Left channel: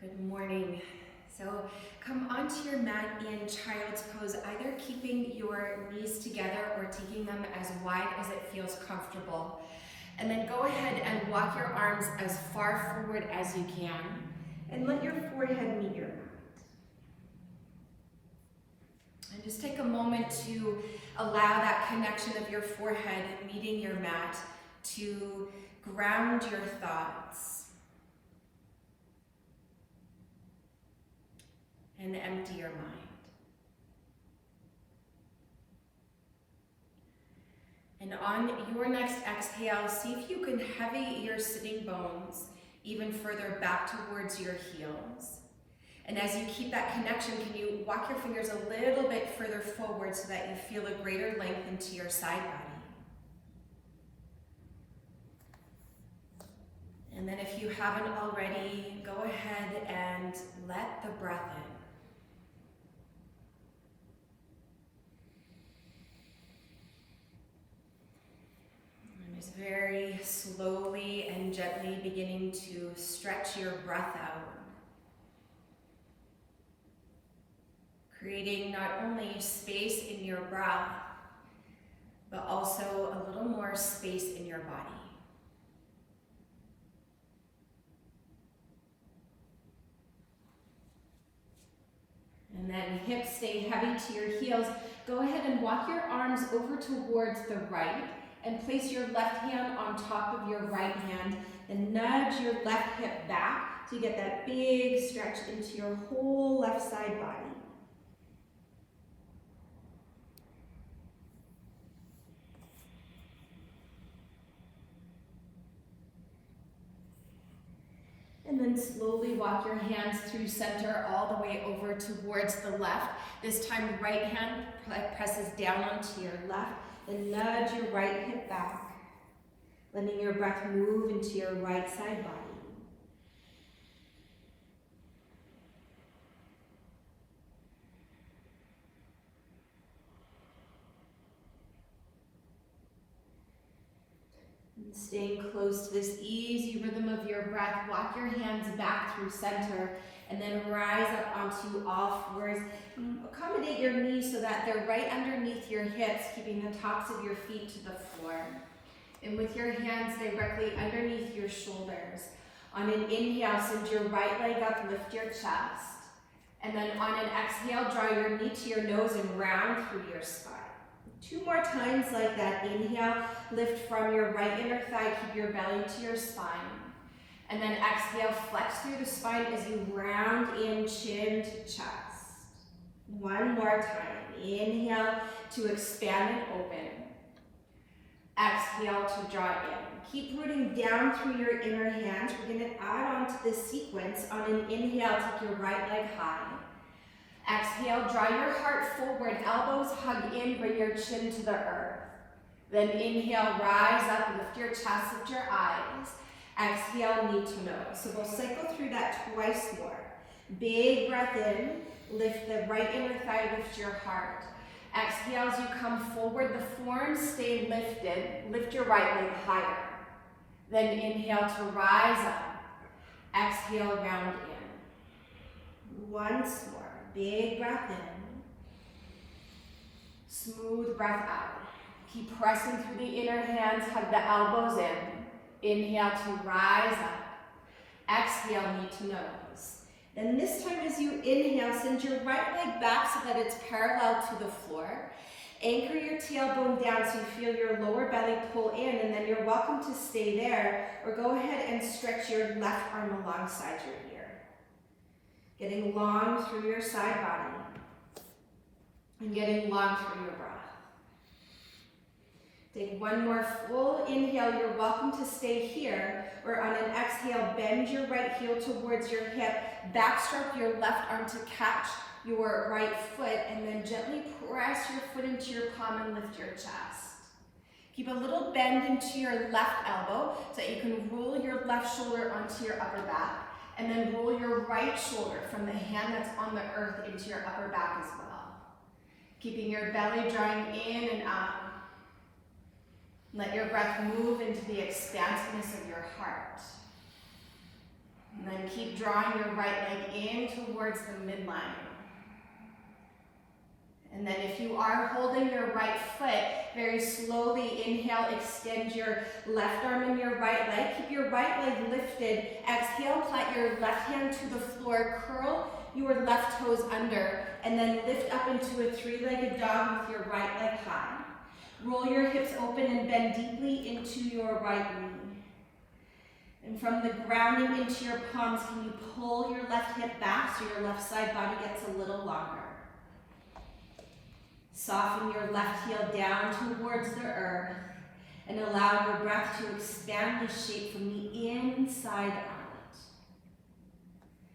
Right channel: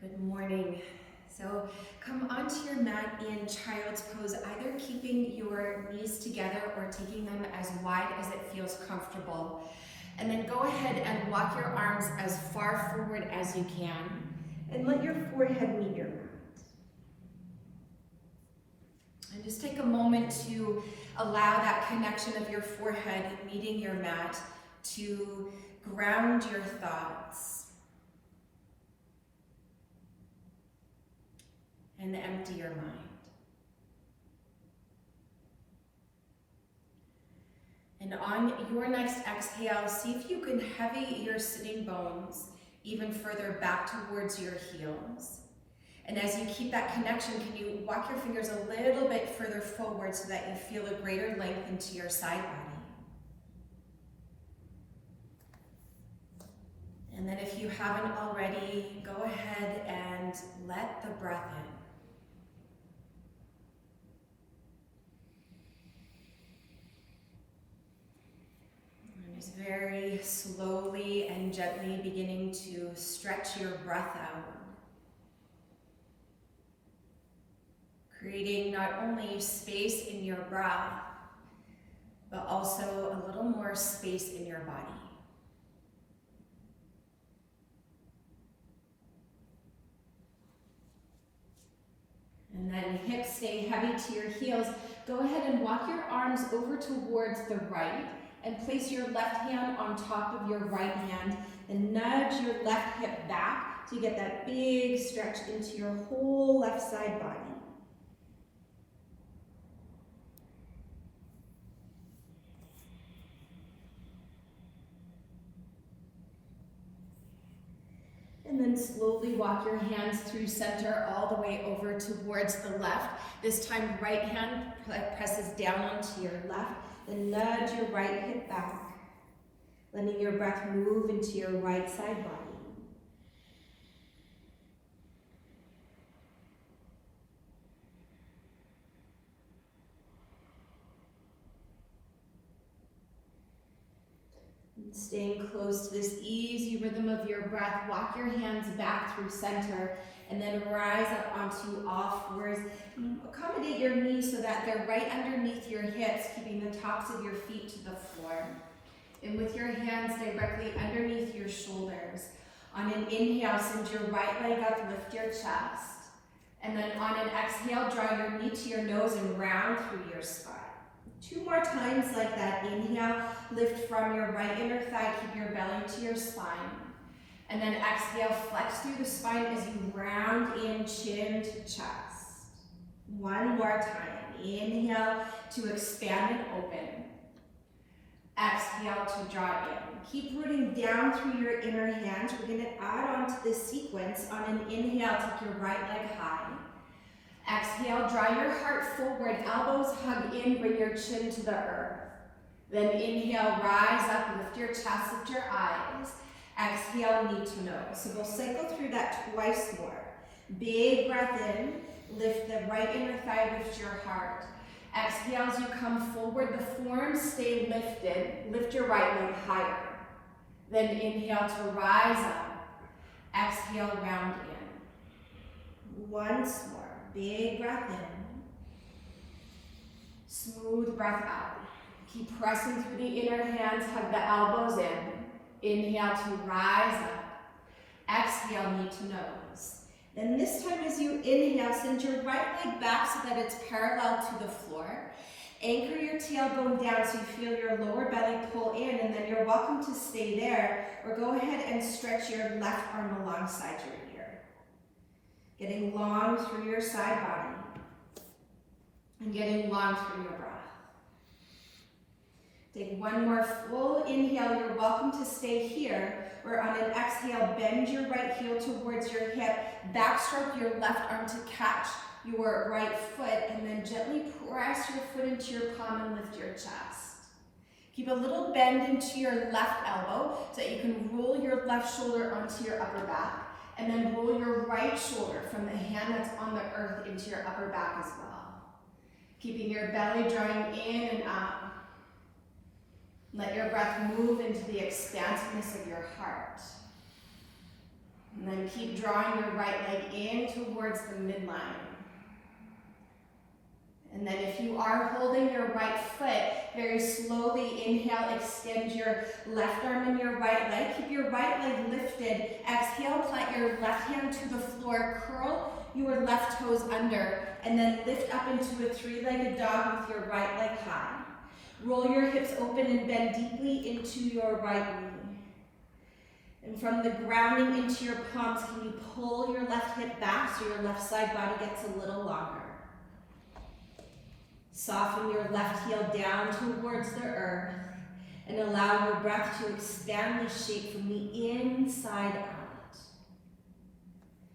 Good morning. So come onto your mat in Child's Pose, either keeping your knees together or taking them as wide as it feels comfortable. And then go ahead and walk your arms as far forward as you can and let your forehead meet your mat. And just take a moment to allow that connection of your forehead meeting your mat to ground your thoughts and empty your mind. And on your next exhale, see if you can heavy your sitting bones even further back towards your heels. And as you keep that connection, can you walk your fingers a little bit further forward so that you feel a greater length into your side body? And then if you haven't already, go ahead and let the breath in. And just very slowly and gently beginning to stretch your breath out. Creating not only space in your breath, but also a little more space in your body. And then hips stay heavy to your heels. Go ahead and walk your arms over towards the right and place your left hand on top of your right hand and nudge your left hip back to get that big stretch into your whole left side body. And then slowly walk your hands through center all the way over towards the left. This time, right hand presses down onto your left and nudge your right hip back, letting your breath move into your right side body. Staying close to this easy rhythm of your breath, walk your hands back through center and then rise up onto all fours. Accommodate your knees so that they're right underneath your hips, keeping the tops of your feet to the floor. And with your hands directly underneath your shoulders. On an inhale, send your right leg up, lift your chest. And then on an exhale, draw your knee to your nose and round through your spine. 2 more times like that. Inhale, lift from your right inner thigh, keep your belly to your spine. And then exhale, flex through the spine as you round in, chin to chest. 1 more time. Inhale to expand and open. Exhale to draw in. Keep rooting down through your inner hands. We're going to add on to this sequence. On an inhale, take your right leg high. Exhale, draw your heart forward, elbows hug in, bring your chin to the earth. Then inhale, rise up, lift your chest, lift your eyes. Exhale, knee to nose. So we'll cycle through that twice more. Big breath in, lift the right inner thigh, lift your heart. Exhale as you come forward, the forearms stay lifted, lift your right leg higher. Then inhale to rise up. Exhale, round in. Once more. Big breath in, smooth breath out. Keep pressing through the inner hands, hug the elbows in. Inhale to rise up. Exhale, knee to nose. Then this time as you inhale, send your right leg back so that it's parallel to the floor. Anchor your tailbone down so you feel your lower belly pull in, and then you're welcome to stay there, or go ahead and stretch your left arm alongside your ear. Getting long through your side body and getting long through your breath. Take 1 more full inhale. You're welcome to stay here, or on an exhale, bend your right heel towards your hip, backstroke your left arm to catch your right foot, and then gently press your foot into your palm and lift your chest. Keep a little bend into your left elbow so that you can roll your left shoulder onto your upper back. And then roll your right shoulder from the hand that's on the earth into your upper back as well. Keeping your belly drawing in and up. Let your breath move into the expansiveness of your heart. And then keep drawing your right leg in towards the midline. And then if you are holding your right foot, very slowly inhale, extend your left arm and your right leg. Keep your right leg lifted. Exhale, plant your left hand to the floor, curl your left toes under, and then lift up into a three-legged dog with your right leg high. Roll your hips open and bend deeply into your right knee. And from the grounding into your palms, can you pull your left hip back so your left side body gets a little longer? Soften your left heel down towards the earth and allow your breath to expand the shape from the inside out.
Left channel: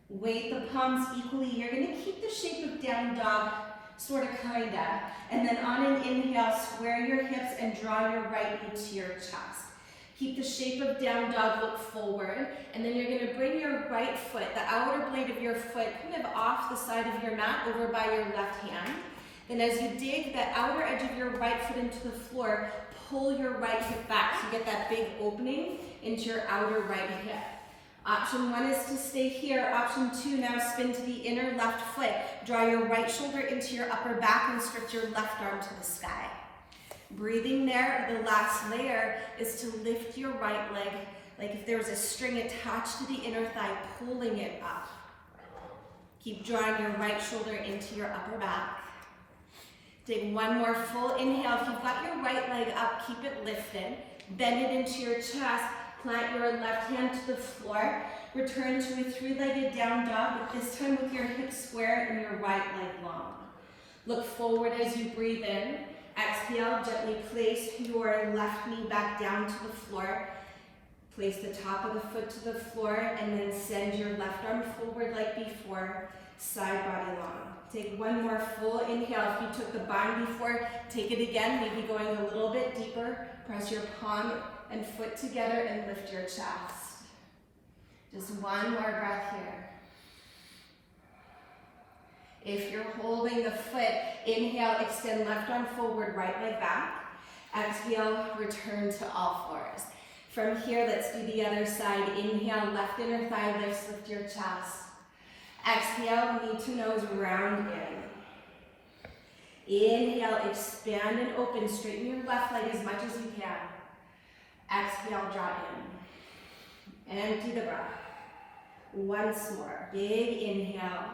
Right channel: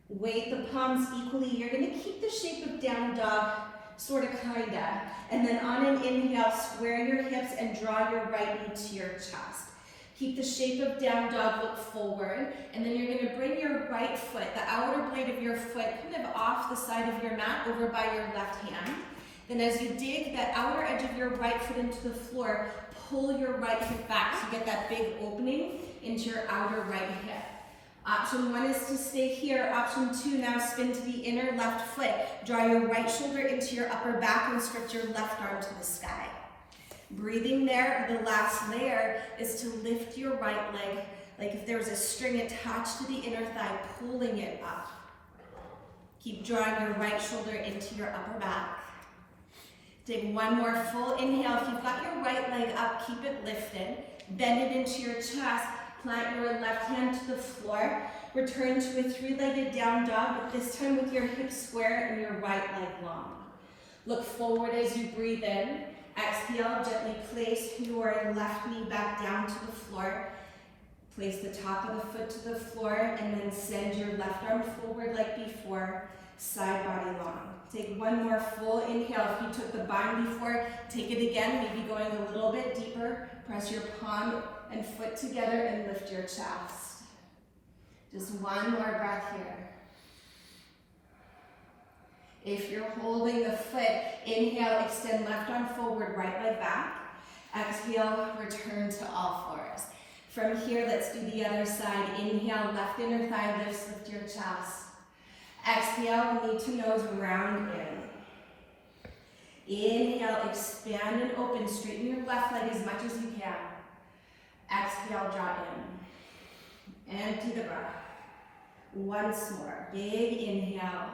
Weight the palms equally. You're going to keep the shape of down dog, sort of, kinda. And then on an inhale, square your hips and draw your right knee to your chest. Keep the shape of down dog, look forward, and then you're going to bring your right foot, the outer blade of your foot, kind of off the side of your mat over by your left hand. Then as you dig that outer edge of your right foot into the floor, pull your right hip back so you get that big opening into your outer right hip. Option 1 is to stay here. Option 2, now spin to the inner left foot. Draw your right shoulder into your upper back and stretch your left arm to the sky. Breathing there, the last layer is to lift your right leg, like if there was a string attached to the inner thigh, pulling it up. Keep drawing your right shoulder into your upper back. Take one more full inhale. If you've got your right leg up, keep it lifted. Bend it into your chest. Plant your left hand to the floor. Return to a three-legged down dog, but this time with your hips square and your right leg long. Look forward as you breathe in. Exhale, gently place your left knee back down to the floor. Place the top of the foot to the floor and then send your left arm forward like before, side body long. Take one more full inhale. If you took the bind before, take it again, maybe going a little bit deeper. Press your palm and foot together and lift your chest. Just one more breath here. If you're holding the foot, inhale, extend left arm forward, right leg back. Exhale, return to all fours. From here, let's do the other side. Inhale, left inner thigh lifts, lift your chest. Exhale, knee to nose, round in. Inhale, expand and open, straighten your left leg as much as you can. Exhale, draw in. Empty the breath. Once more, big inhale.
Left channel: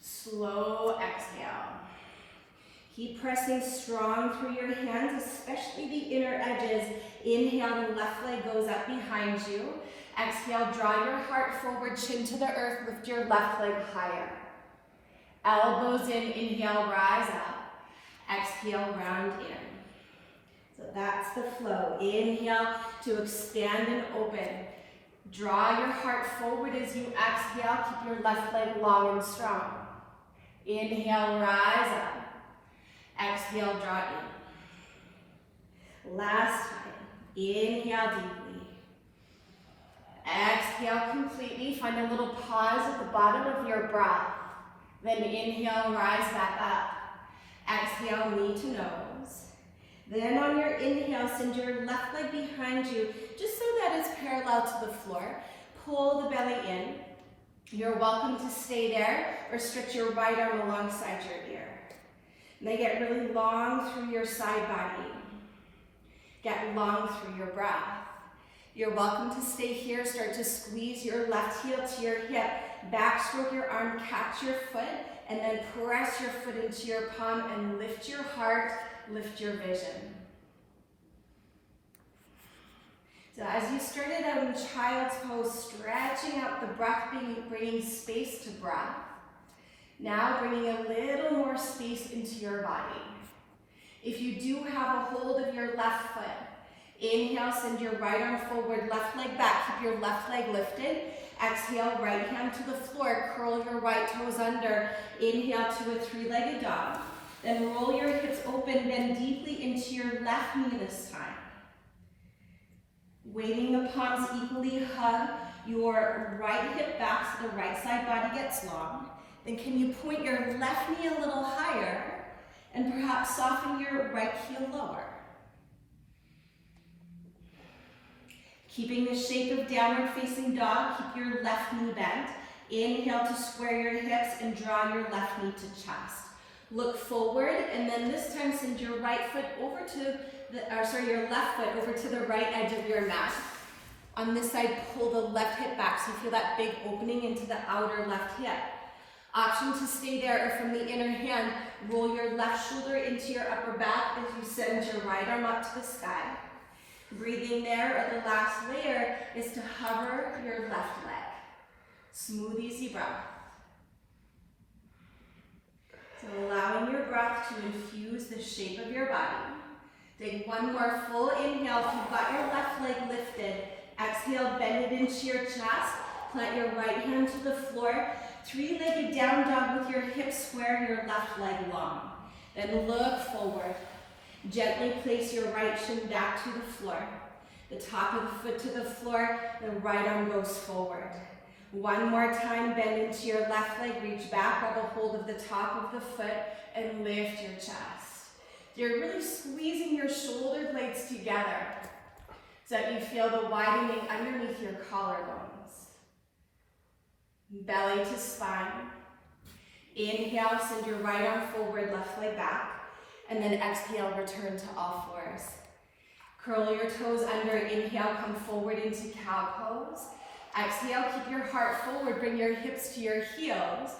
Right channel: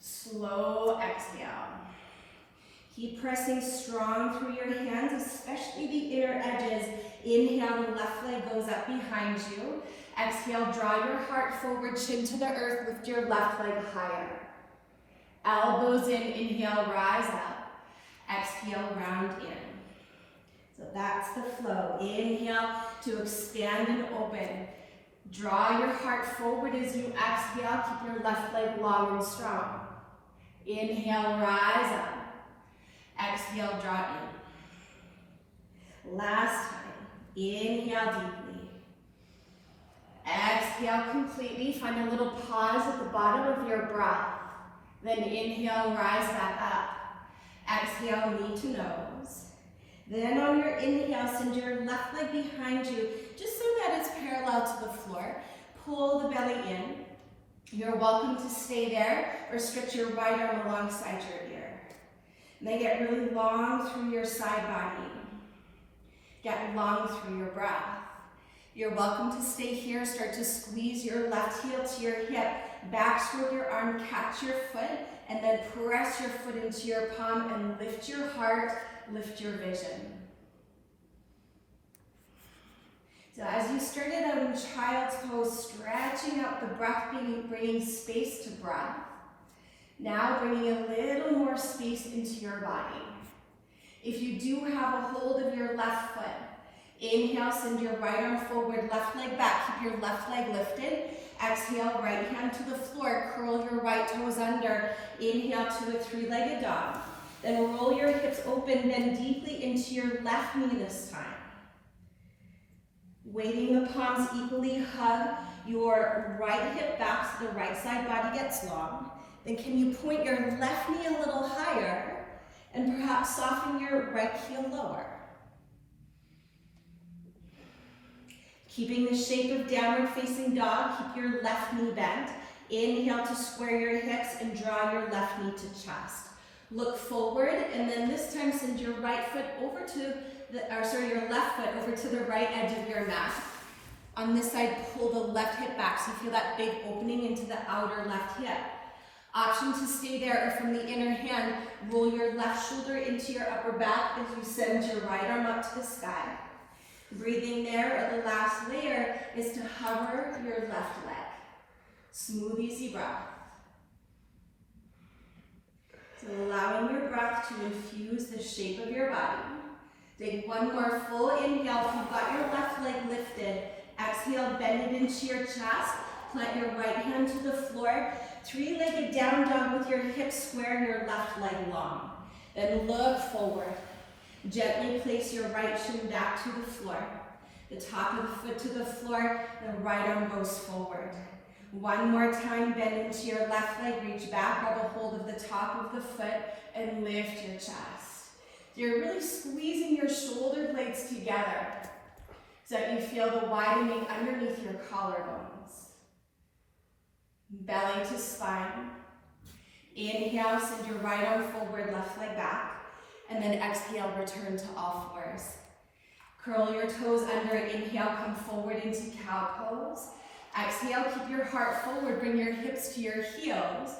Slow exhale. Keep pressing strong through your hands, especially the inner edges. Inhale, the left leg goes up behind you. Exhale, draw your heart forward, chin to the earth, lift your left leg higher. Elbows in, inhale, rise up. Exhale, round in. So that's the flow. Inhale to expand and open. Draw your heart forward as you exhale. Keep your left leg long and strong. Inhale, rise up. Exhale, draw in. Last time. Inhale deeply. Exhale completely. Find a little pause at the bottom of your breath. Then inhale, rise back up. Exhale, knee to nose. Then on your inhale, send your left leg behind you, just so that it's parallel to the floor. Pull the belly in. You're welcome to stay there or stretch your right arm alongside your ear. And then get really long through your side body. Get long through your breath. You're welcome to stay here. Start to squeeze your left heel to your hip. Back stroke your arm, catch your foot, and then press your foot into your palm and lift your heart, lift your vision. So as you started out in Child's Pose, stretching out the breath, bringing space to breath. Now bringing a little more space into your body. If you do have a hold of your left foot, inhale, send your right arm forward, left leg back, keep your left leg lifted. Exhale, right hand to the floor, curl your right toes under. Inhale to a three-legged dog. Then roll your hips open, bend deeply into your left knee this time. Weighting the palms equally, hug your right hip back so the right side body gets long. Then can you point your left knee a little higher and perhaps soften your right heel lower. Keeping the shape of downward facing dog, keep your left knee bent. Inhale to square your hips and draw your left knee to chest. Look forward, and then this time send your right foot over to your left foot over to the right edge of your mat. On this side, pull the left hip back so you feel that big opening into the outer left hip. Option to stay there, or from the inner hand, roll your left shoulder into your upper back as you send your right arm up to the sky. Breathing there, or the last layer is to hover your left leg. Smooth, easy breath. So allowing your breath to infuse the shape of your body. Take one more full inhale. If you've got your left leg lifted, exhale, bend it into your chest. Plant your right hand to the floor. Three-legged down dog with your hips square and your left leg long. Then look forward. Gently place your right shin back to the floor. The top of the foot to the floor, the right arm goes forward. One more time, bend into your left leg, reach back, grab a hold of the top of the foot, and lift your chest. You're really squeezing your shoulder blades together so that you feel the widening underneath your collarbones. Belly to spine. Inhale, send your right arm forward, left leg back. And then exhale, return to all fours. Curl your toes under, inhale, come forward into cow pose. Exhale, keep your heart forward, bring your hips to your heels.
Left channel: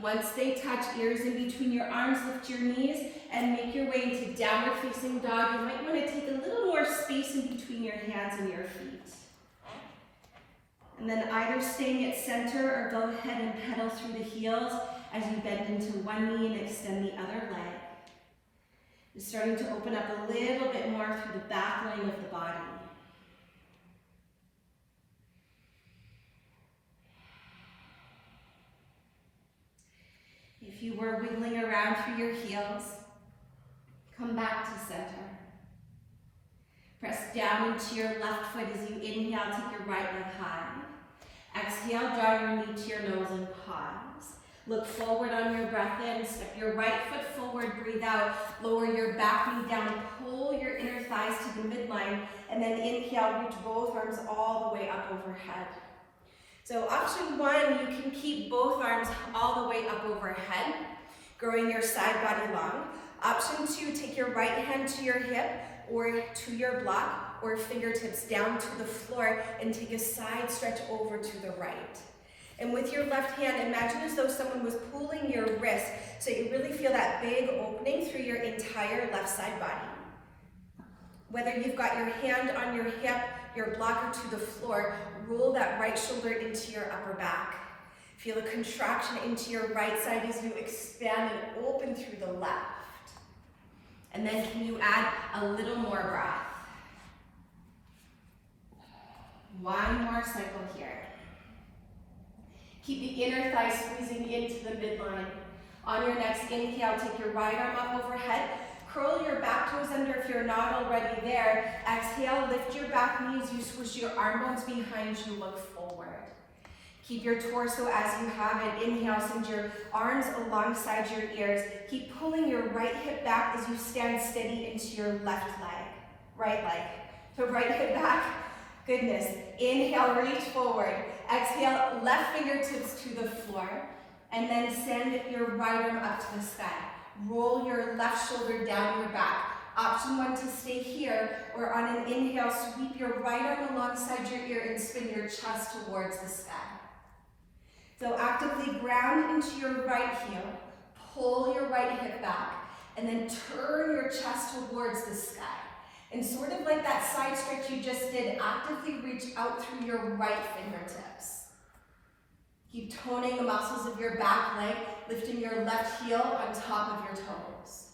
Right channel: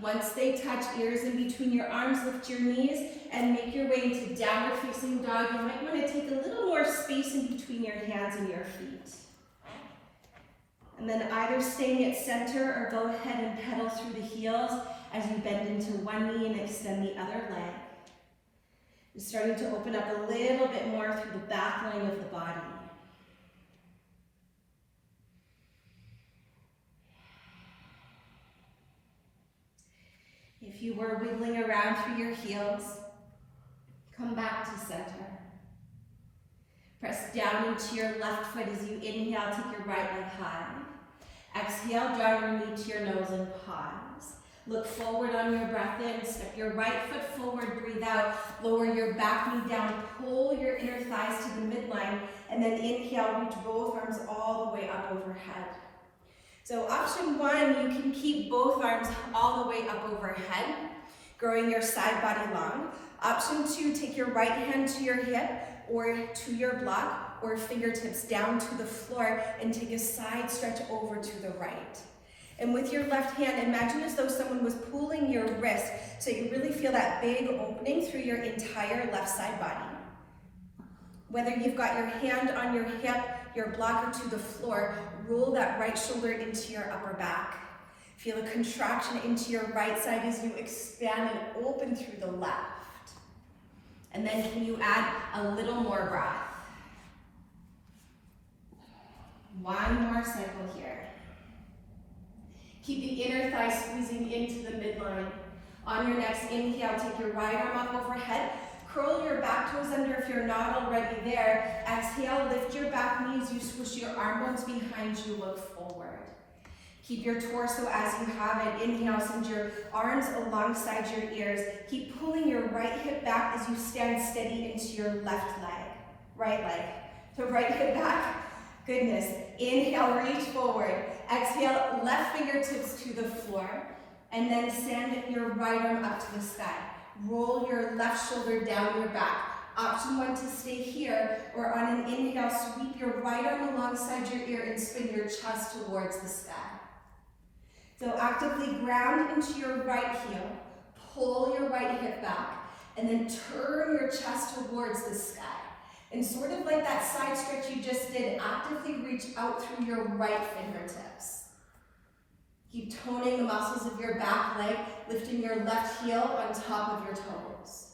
Once they touch, ears in between your arms, lift your knees and make your way into downward facing dog. You might want to take a little more space in between your hands and your feet. And then either staying at center or go ahead and pedal through the heels as you bend into one knee and extend the other leg. You're starting to open up a little bit more through the back line of the body. If you were wiggling around through your heels, come back to center. Press down into your left foot as you inhale, take your right leg high. Exhale, draw your knee to your nose and pause. Look forward on your breath in, step your right foot forward, breathe out, lower your back knee down, pull your inner thighs to the midline, and then inhale, reach both arms all the way up overhead. So option one, you can keep both arms all the way up overhead, growing your side body long. Option two, take your right hand to your hip or to your block or fingertips down to the floor and take a side stretch over to the right. And with your left hand, imagine as though someone was pulling your wrist so you really feel that big opening through your entire left side body. Whether you've got your hand on your hip, your blocker to the floor, roll that right shoulder into your upper back. Feel a contraction into your right side as you expand and open through the left. And then can you add a little more breath? One more cycle here. Keep the inner thigh squeezing into the midline. On your next inhale, take your right arm up overhead. Curl your back toes under if you're not already there. Exhale, lift your back knees. You squish your arm bones behind you, look forward. Keep your torso as you have it. Inhale, send your arms alongside your ears. Keep pulling your right hip back as you stand steady into your left leg. Right leg. So right hip back. Goodness. Inhale, reach forward. Exhale, left fingertips to the floor. And then send your right arm up to the sky. Roll your left shoulder down your back. Option one to stay here, or on an inhale, sweep your right arm alongside your ear and spin your chest towards the sky. So actively ground into your right heel, pull your right hip back, and then turn your chest towards the sky. And sort of like that side stretch you just did, actively reach out through your right fingertips. Keep toning the muscles of your back leg, lifting your left heel on top of your toes.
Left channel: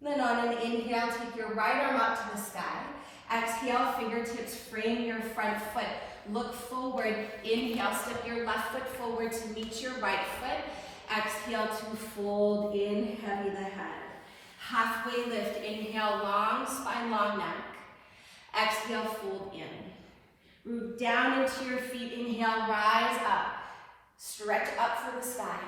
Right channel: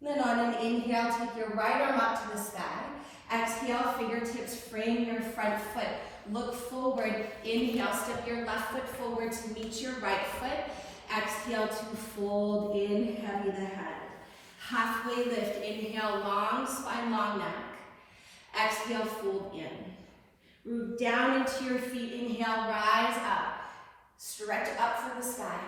And then on an inhale, take your right arm up to the sky. Exhale, fingertips frame your front foot. Look forward. Inhale, step your left foot forward to meet your right foot. Exhale to fold in, heavy the head. Halfway lift, inhale, long spine, long neck. Exhale, fold in. Root down into your feet, inhale, rise up. Stretch up for the sky.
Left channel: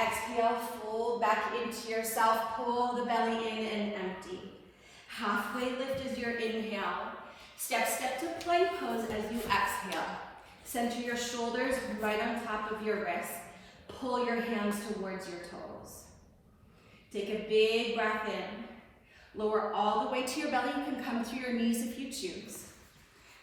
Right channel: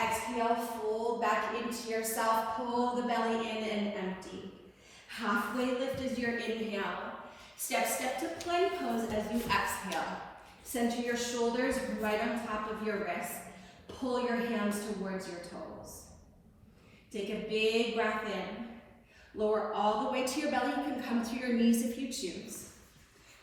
Exhale, fold back into yourself, pull the belly in and empty. Halfway lift is your inhale. Step to plank pose as you exhale. Center your shoulders right on top of your wrists. Pull your hands towards your toes. Take a big breath in. Lower all the way to your belly. You can come through your knees if you choose.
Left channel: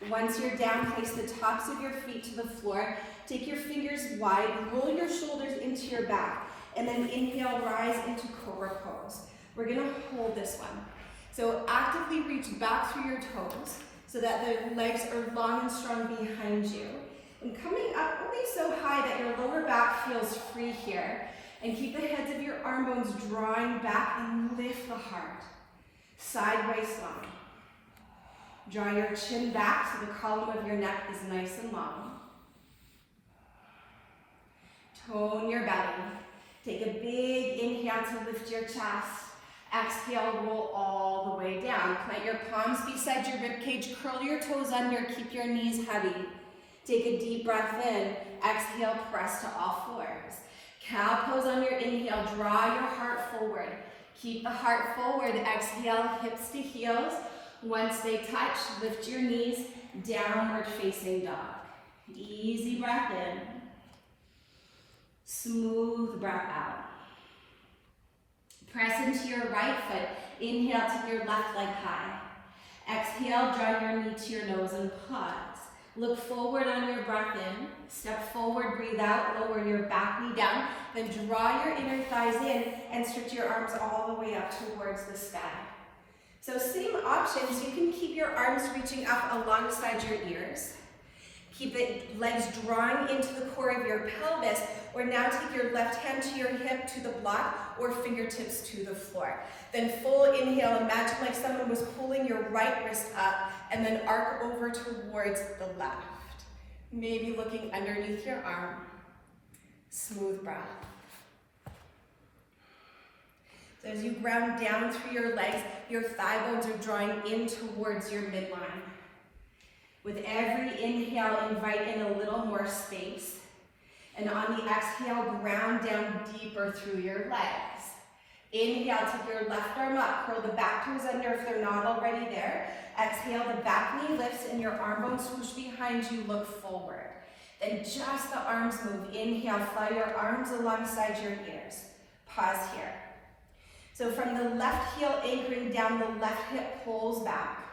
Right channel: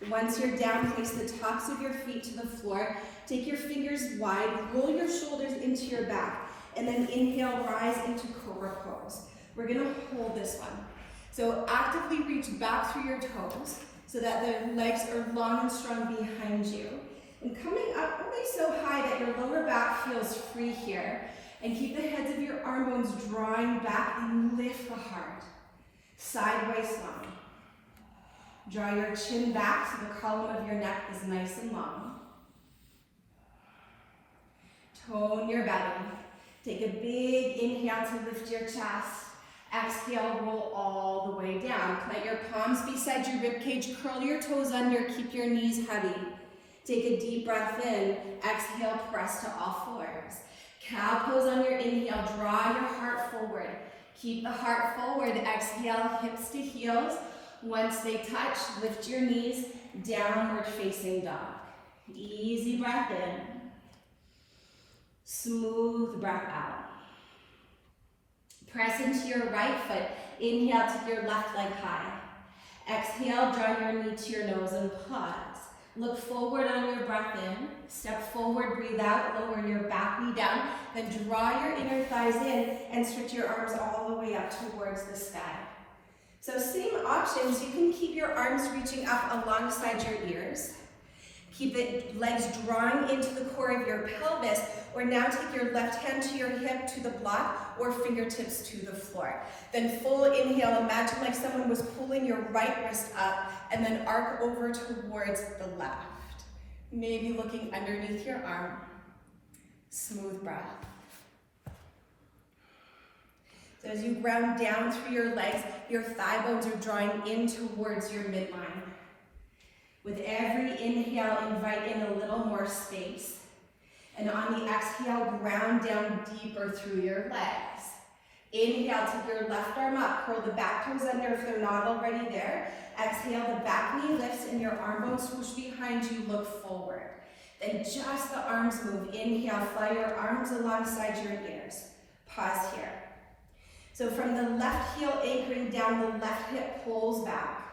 Once you're down, place the tops of your feet to the floor. Take your fingers wide, roll your shoulders into your back, and then inhale, rise into Cobra Pose. We're gonna hold this one. So actively reach back through your toes so that the legs are long and strong behind you. And coming up only so high that your lower back feels free here. And keep the heads of your arm bones drawing back and lift the heart. Sideways long. Draw your chin back so the column of your neck is nice and long. Tone your belly. Take a big inhale to lift your chest. Exhale, roll all the way down. Plant your palms beside your ribcage. Curl your toes under. Keep your knees heavy. Take a deep breath in. Exhale, press to all fours. Cow pose on your inhale. Draw your heart forward. Keep the heart forward. Exhale, hips to heels. Once they touch, lift your knees. Downward facing dog. Easy breath in. Smooth breath out. Press into your right foot. Inhale, take your left leg high. Exhale, draw your knee to your nose and pause. Look forward on your breath in. Step forward, breathe out, lower your back knee down. Then draw your inner thighs in and stretch your arms all the way up towards the sky. So same options, you can keep your arms reaching up alongside your ears. Keep the legs drawing into the core of your pelvis, or now take your left hand to your hip to the block, or fingertips to the floor. Then full inhale, imagine like someone was pulling your right wrist up, and then arc over towards the left. Maybe looking underneath your arm. Smooth breath. So as you ground down through your legs, your thigh bones are drawing in towards your midline. With every inhale, invite in a little more space. And on the exhale, ground down deeper through your legs. Inhale, take your left arm up, curl the back toes under if they're not already there. Exhale, the back knee lifts and your arm bones swoosh behind you, look forward. Then just the arms move. Inhale, fly your arms alongside your ears. Pause here. So from the left heel anchoring down, the left hip pulls back.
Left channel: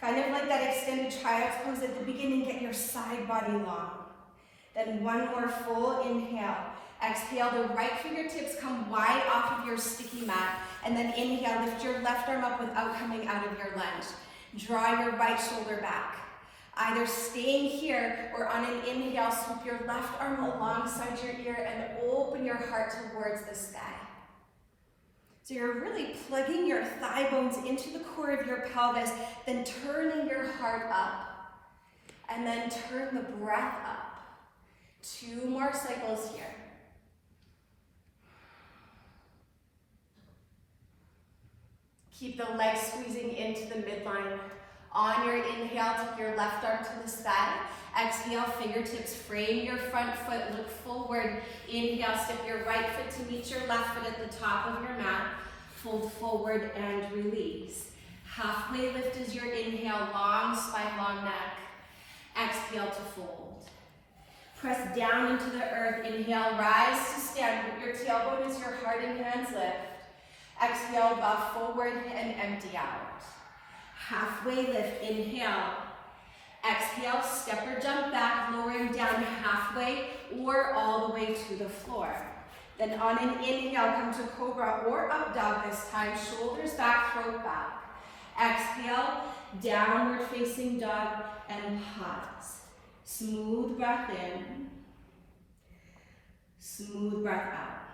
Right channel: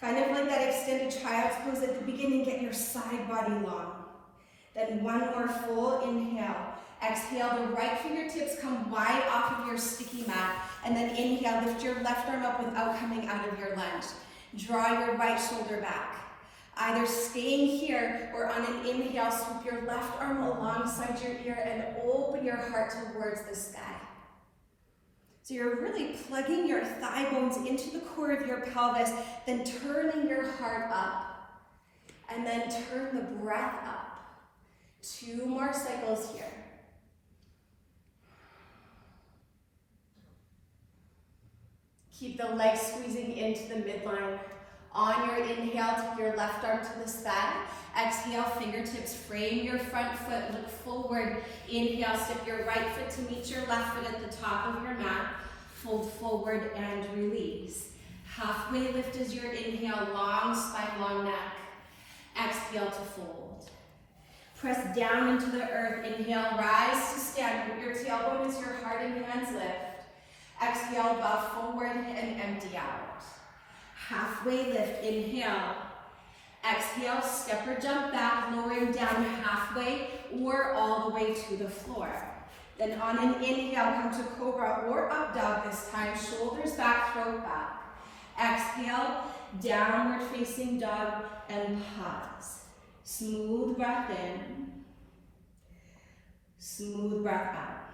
Kind of like that extended child's pose at the beginning, get your side body long. Then one more full inhale. Exhale, the right fingertips come wide off of your sticky mat. And then inhale, lift your left arm up without coming out of your lunge. Draw your right shoulder back. Either staying here or on an inhale, swoop your left arm alongside your ear and open your heart towards the sky. So you're really plugging your thigh bones into the core of your pelvis, then turning your heart up, and then turn the breath up. 2 more cycles here. Keep the legs squeezing into the midline. On your inhale, take your left arm to the sky. Exhale, fingertips frame your front foot, look forward. Inhale, step your right foot to meet your left foot at the top of your mat. Fold forward and release. Halfway lift is your inhale, long spine, long neck. Exhale to fold. Press down into the earth. Inhale, rise to stand. Put your tailbone as your heart and hands lift. Exhale, bow forward and empty out. Halfway lift, inhale. Exhale, step or jump back, lowering down halfway or all the way to the floor. Then on an inhale, come to cobra or up dog this time, shoulders back, throat back. Exhale, downward facing dog and pause. Smooth breath in, smooth breath out.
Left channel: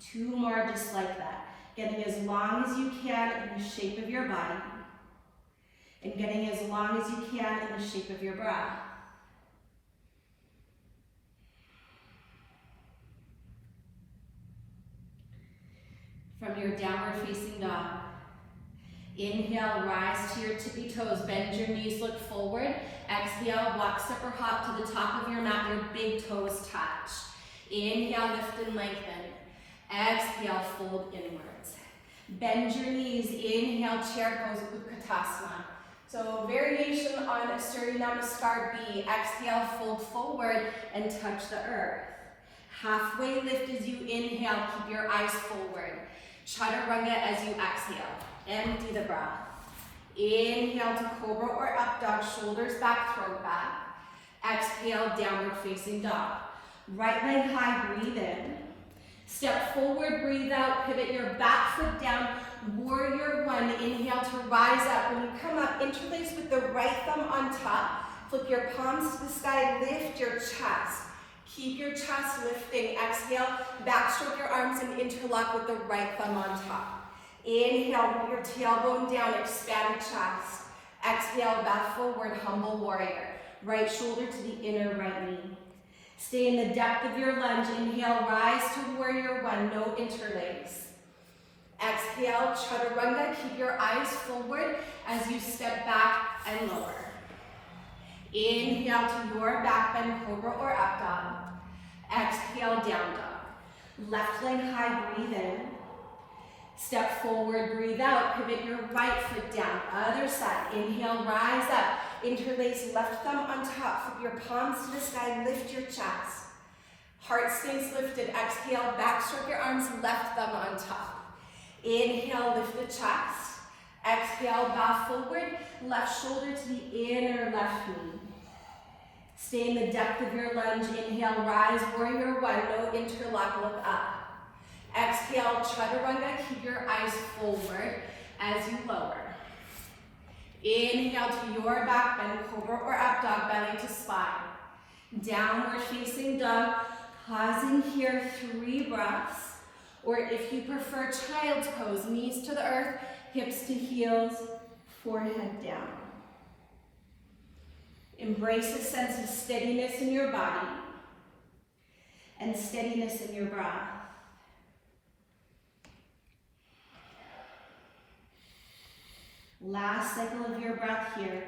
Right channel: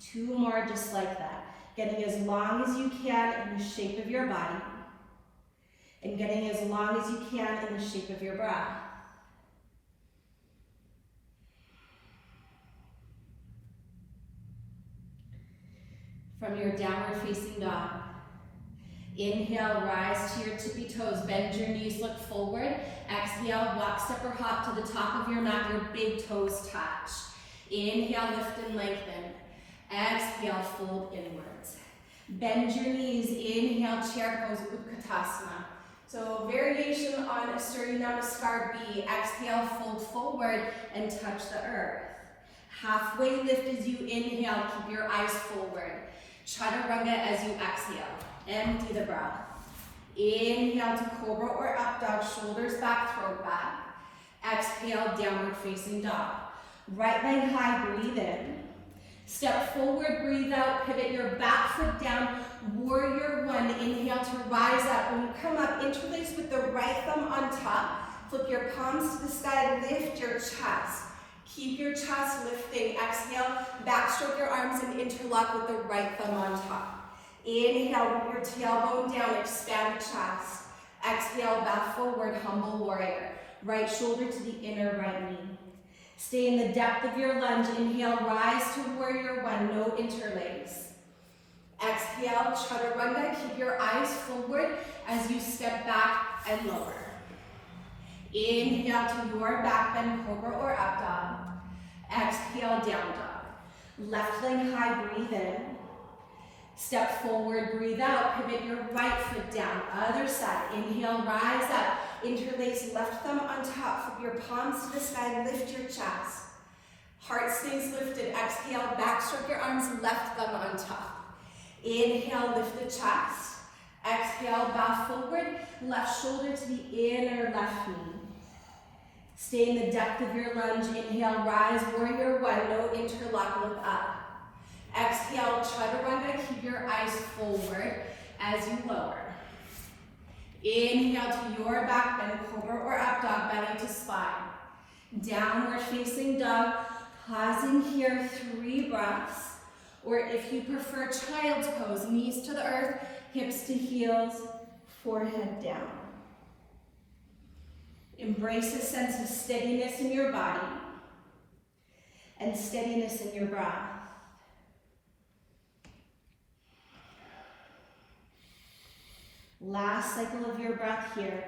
2 more just like that. Getting as long as you can in the shape of your body. And getting as long as you can in the shape of your breath. From your downward facing dog. Inhale, rise to your tippy toes. Bend your knees, look forward. Exhale, walk, step, or hop to the top of your mat. Your big toes touch. Inhale, lift and lengthen. Exhale, fold inwards. Bend your knees. Inhale, chair pose, Utkatasana. So So variation on a Surya Namaskar B. Exhale, fold forward and touch the earth. Halfway lift as you inhale, keep your eyes forward. Chaturanga as you exhale. Empty the breath. Inhale to cobra or up dog, shoulders back, throat back. Exhale, downward facing dog. Right leg high, breathe in. Step forward, breathe out, pivot your back foot down. Warrior one, inhale to rise up. When you come up, interlace with the right thumb on top. Flip your palms to the sky, lift your chest. Keep your chest lifting. Exhale, backstroke your arms and interlock with the right thumb on top. Inhale, with your tailbone down, expand the chest. Exhale, back forward, humble warrior. Right shoulder to the inner right knee. Stay in the depth of your lunge. Inhale, rise to warrior one, no interlace. Exhale, chaturanga, keep your eyes forward as you step back and lower. Inhale to your back bend, cobra or up dog. Exhale, down dog. Left leg high, breathe in. Step forward, breathe out, pivot your right foot down. Other side, inhale, rise up. Interlace left thumb on top, flip your palms to the sky, lift your chest. Heart stays lifted. Exhale, backstroke your arms, left thumb on top. Inhale, lift the chest. Exhale, bow forward, left shoulder to the inner left knee. Stay in the depth of your lunge. Inhale, rise, warrior one, no interlock, look up. Exhale, chaturanga, keep your eyes forward as you lower. Inhale to your back bend, cobra or up dog, belly to spine. Downward facing dog, pausing here, 3 breaths. Or if you prefer child's pose, knees to the earth, hips to heels, forehead down. Embrace a sense of steadiness in your body and steadiness in your breath. Last cycle of your breath here.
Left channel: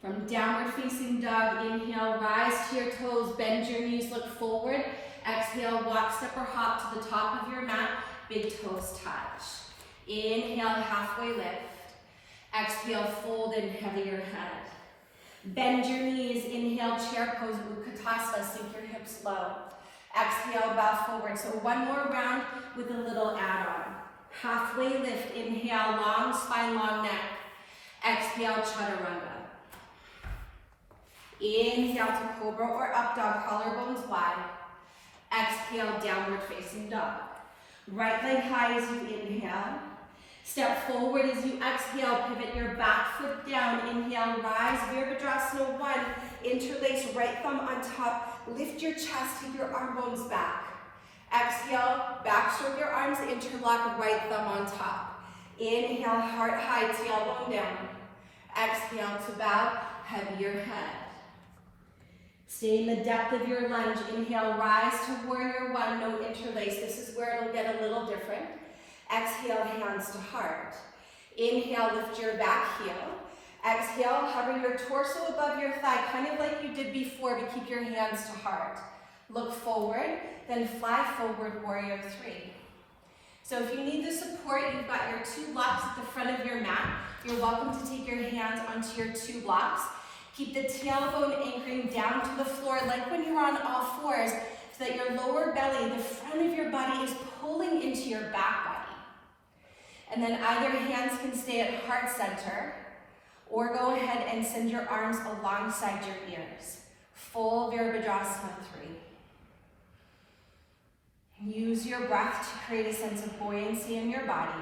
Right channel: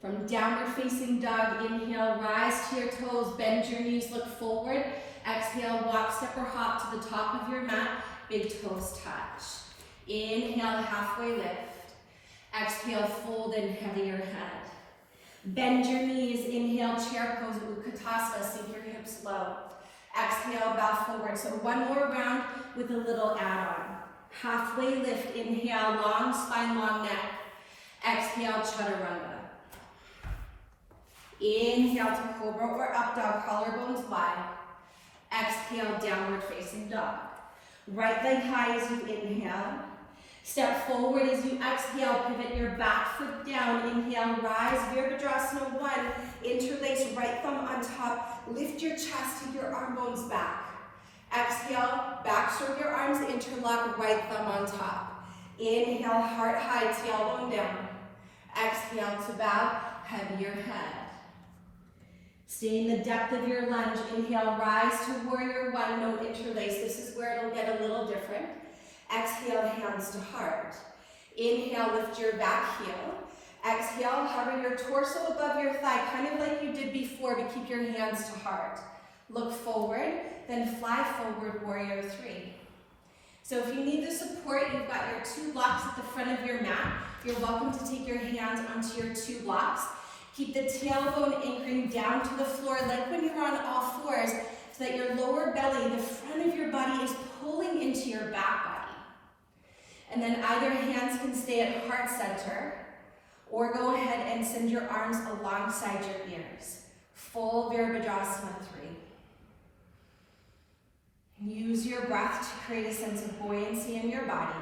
From downward facing dog, inhale, rise to your toes, bend your knees, look forward. Exhale, walk, step or hop to the top of your mat, big toes touch. Inhale, halfway lift. Exhale, fold in, heavier head. Bend your knees, inhale, chair pose, Utkatasana, sink your hips low. Exhale, bow forward. So one more round with a little add-on. Halfway lift, inhale, long spine, long neck. Exhale, chaturanga. Inhale to cobra or up dog, collarbones wide. Exhale, downward facing dog. Right leg high as you inhale. Step forward as you exhale, pivot your back foot down. Inhale, rise, Virabhadrasana 1. Interlace right thumb on top. Lift your chest, keep your arm bones back. Exhale, backstroke your arms, interlock, right thumb on top. Inhale, heart high, tailbone down. Exhale to bow, heavier head. Stay in the depth of your lunge. Inhale, rise to warrior one, no interlace. This is where it'll get a little different. Exhale, hands to heart. Inhale, lift your back heel. Exhale, hover your torso above your thigh, kind of like you did before, but keep your hands to heart. Look forward, then fly forward, warrior 3. So if you need the support, you've got your 2 blocks at the front of your mat. You're welcome to take your hands onto your 2 blocks. Keep the tailbone anchoring down to the floor, like when you're on all fours, so that your lower belly, the front of your body, is pulling into your back body. And then either hands can stay at heart center, or go ahead and send your arms alongside your ears. Full Virabhadrasana 3. Use your breath to create a sense of buoyancy in your body.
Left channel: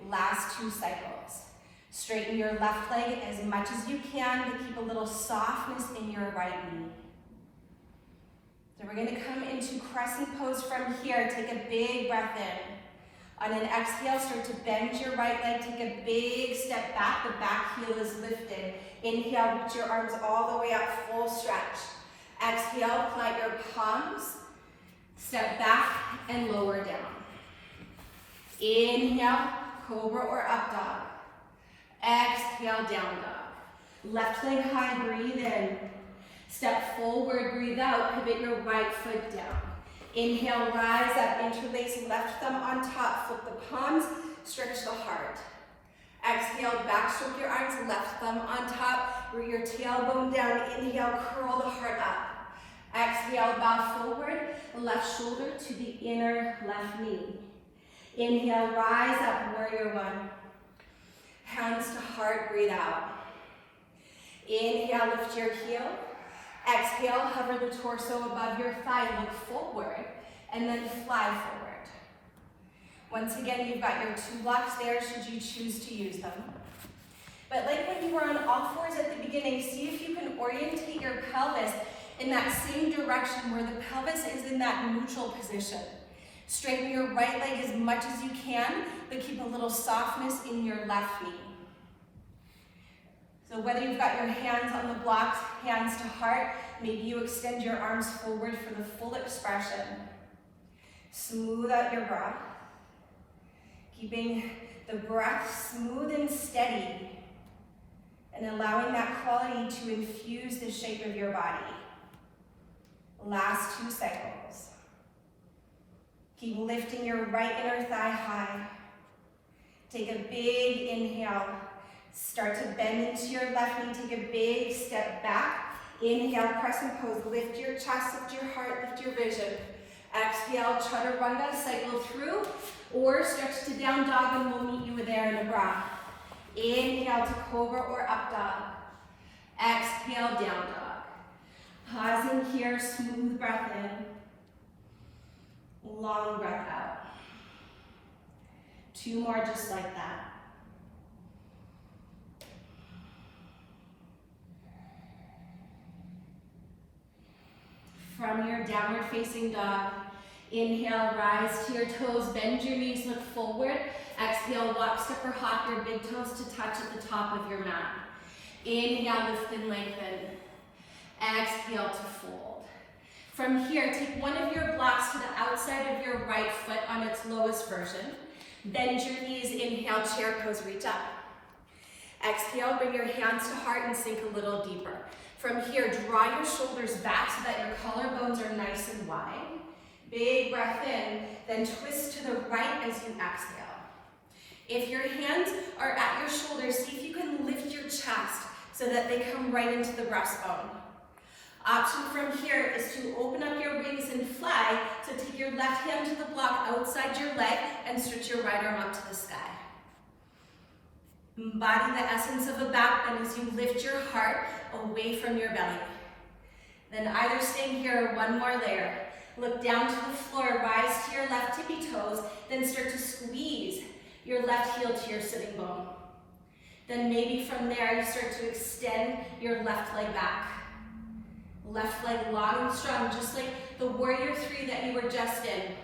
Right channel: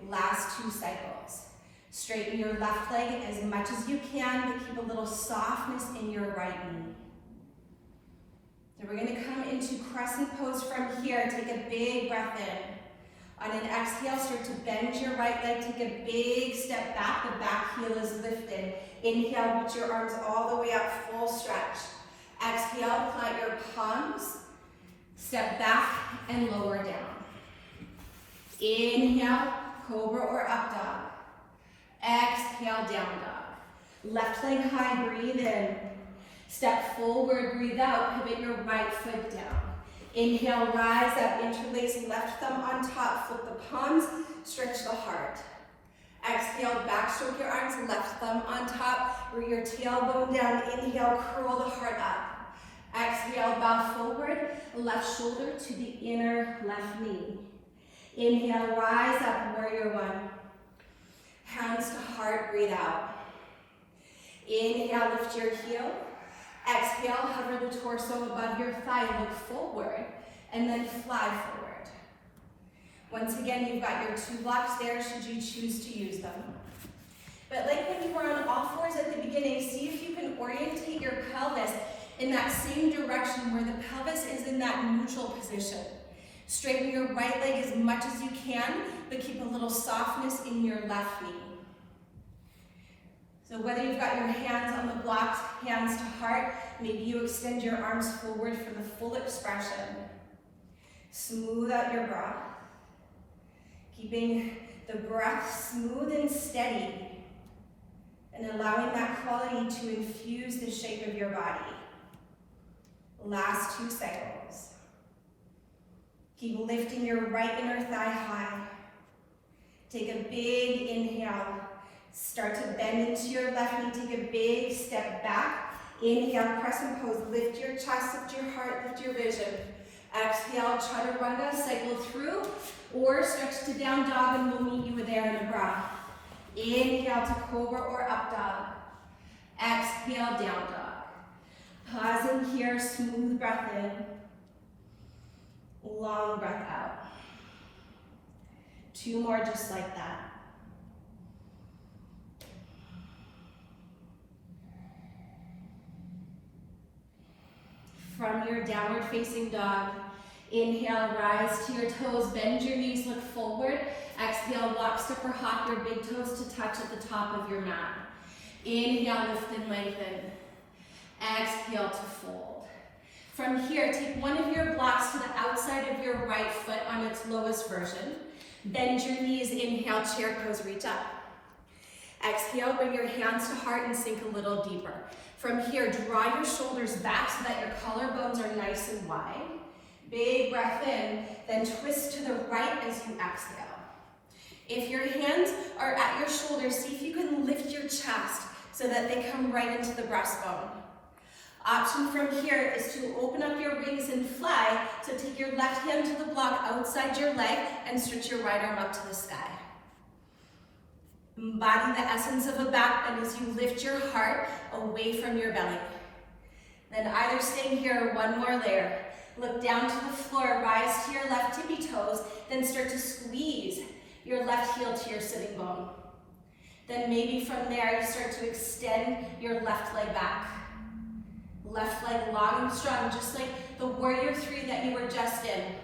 Last 2 cycles. Straighten your left leg as much as you can, but keep a little softness in your right knee. So we're going to come into Crescent Pose from here. Take a big breath in. On an exhale, start to bend your right leg. Take a big step back. The back heel is lifted. Inhale, reach your arms all the way up, full stretch. Exhale, plant your palms. Step back and lower down. Inhale, cobra or up dog. Exhale, down dog. Left leg high, breathe in. Step forward, breathe out, pivot your right foot down. Inhale, rise up, interlace left thumb on top, flip the palms, stretch the heart. Exhale, backstroke your arms, left thumb on top, bring your tailbone down. Inhale, curl the heart up. Exhale, bow forward, left shoulder to the inner left knee. Inhale, rise up, warrior one. Hands to heart, breathe out. Inhale, lift your heel. Exhale, hover the torso above your thigh, look forward, and then fly forward. Once again, you've got your 2 blocks there should you choose to use them. But like when you were on all fours at the beginning, see if you can orientate your pelvis in that same direction where the pelvis is in that neutral position. Straighten your right leg as much as you can, but keep a little softness in your left knee. So whether you've got your hands on the blocks, hands to heart, maybe you extend your arms forward for the full expression. Smooth out your breath. Keeping the breath smooth and steady, and allowing that quality to infuse the shape of your body. Last 2 cycles. Keep lifting your right inner thigh high. Take a big inhale. Start to bend into your left knee. Take a big step back. Inhale, crescent pose. Lift your chest, lift your heart, lift your vision. Exhale, chaturanga, cycle through, or stretch to down dog, and we'll meet you there in a breath. Inhale to cobra or up dog. Exhale, down dog. Pausing here, smooth breath in. Long breath out. 2 more just like that. From your downward facing dog, inhale, rise to your toes, bend your knees, look forward. Exhale, walk, step, or hop your big toes to touch at the top of your mat. Inhale, lift and lengthen. Exhale to fold. From here, take one of your blocks to the outside of your right foot on its lowest version. Bend your knees, inhale, chair pose, reach up. Exhale, bring your hands to heart and sink a little deeper. From here, draw your shoulders back so that your collarbones are nice and wide. Big breath in, then twist to the right as you exhale. If your hands are at your shoulders, see if you can lift your chest so that they come right into the breastbone. Option from here is to open up your wings and fly, so take your left hand to the block outside your leg and stretch your right arm up to the sky. Embody the essence of a back bend as you lift your heart away from your belly. Then either stay here or one more layer. Look down to the floor, rise to your left tippy toes, then start to squeeze your left heel to your sitting bone. Then maybe from there you start to extend your left leg back. Left leg long and strong, just like the warrior 3 that you were just in.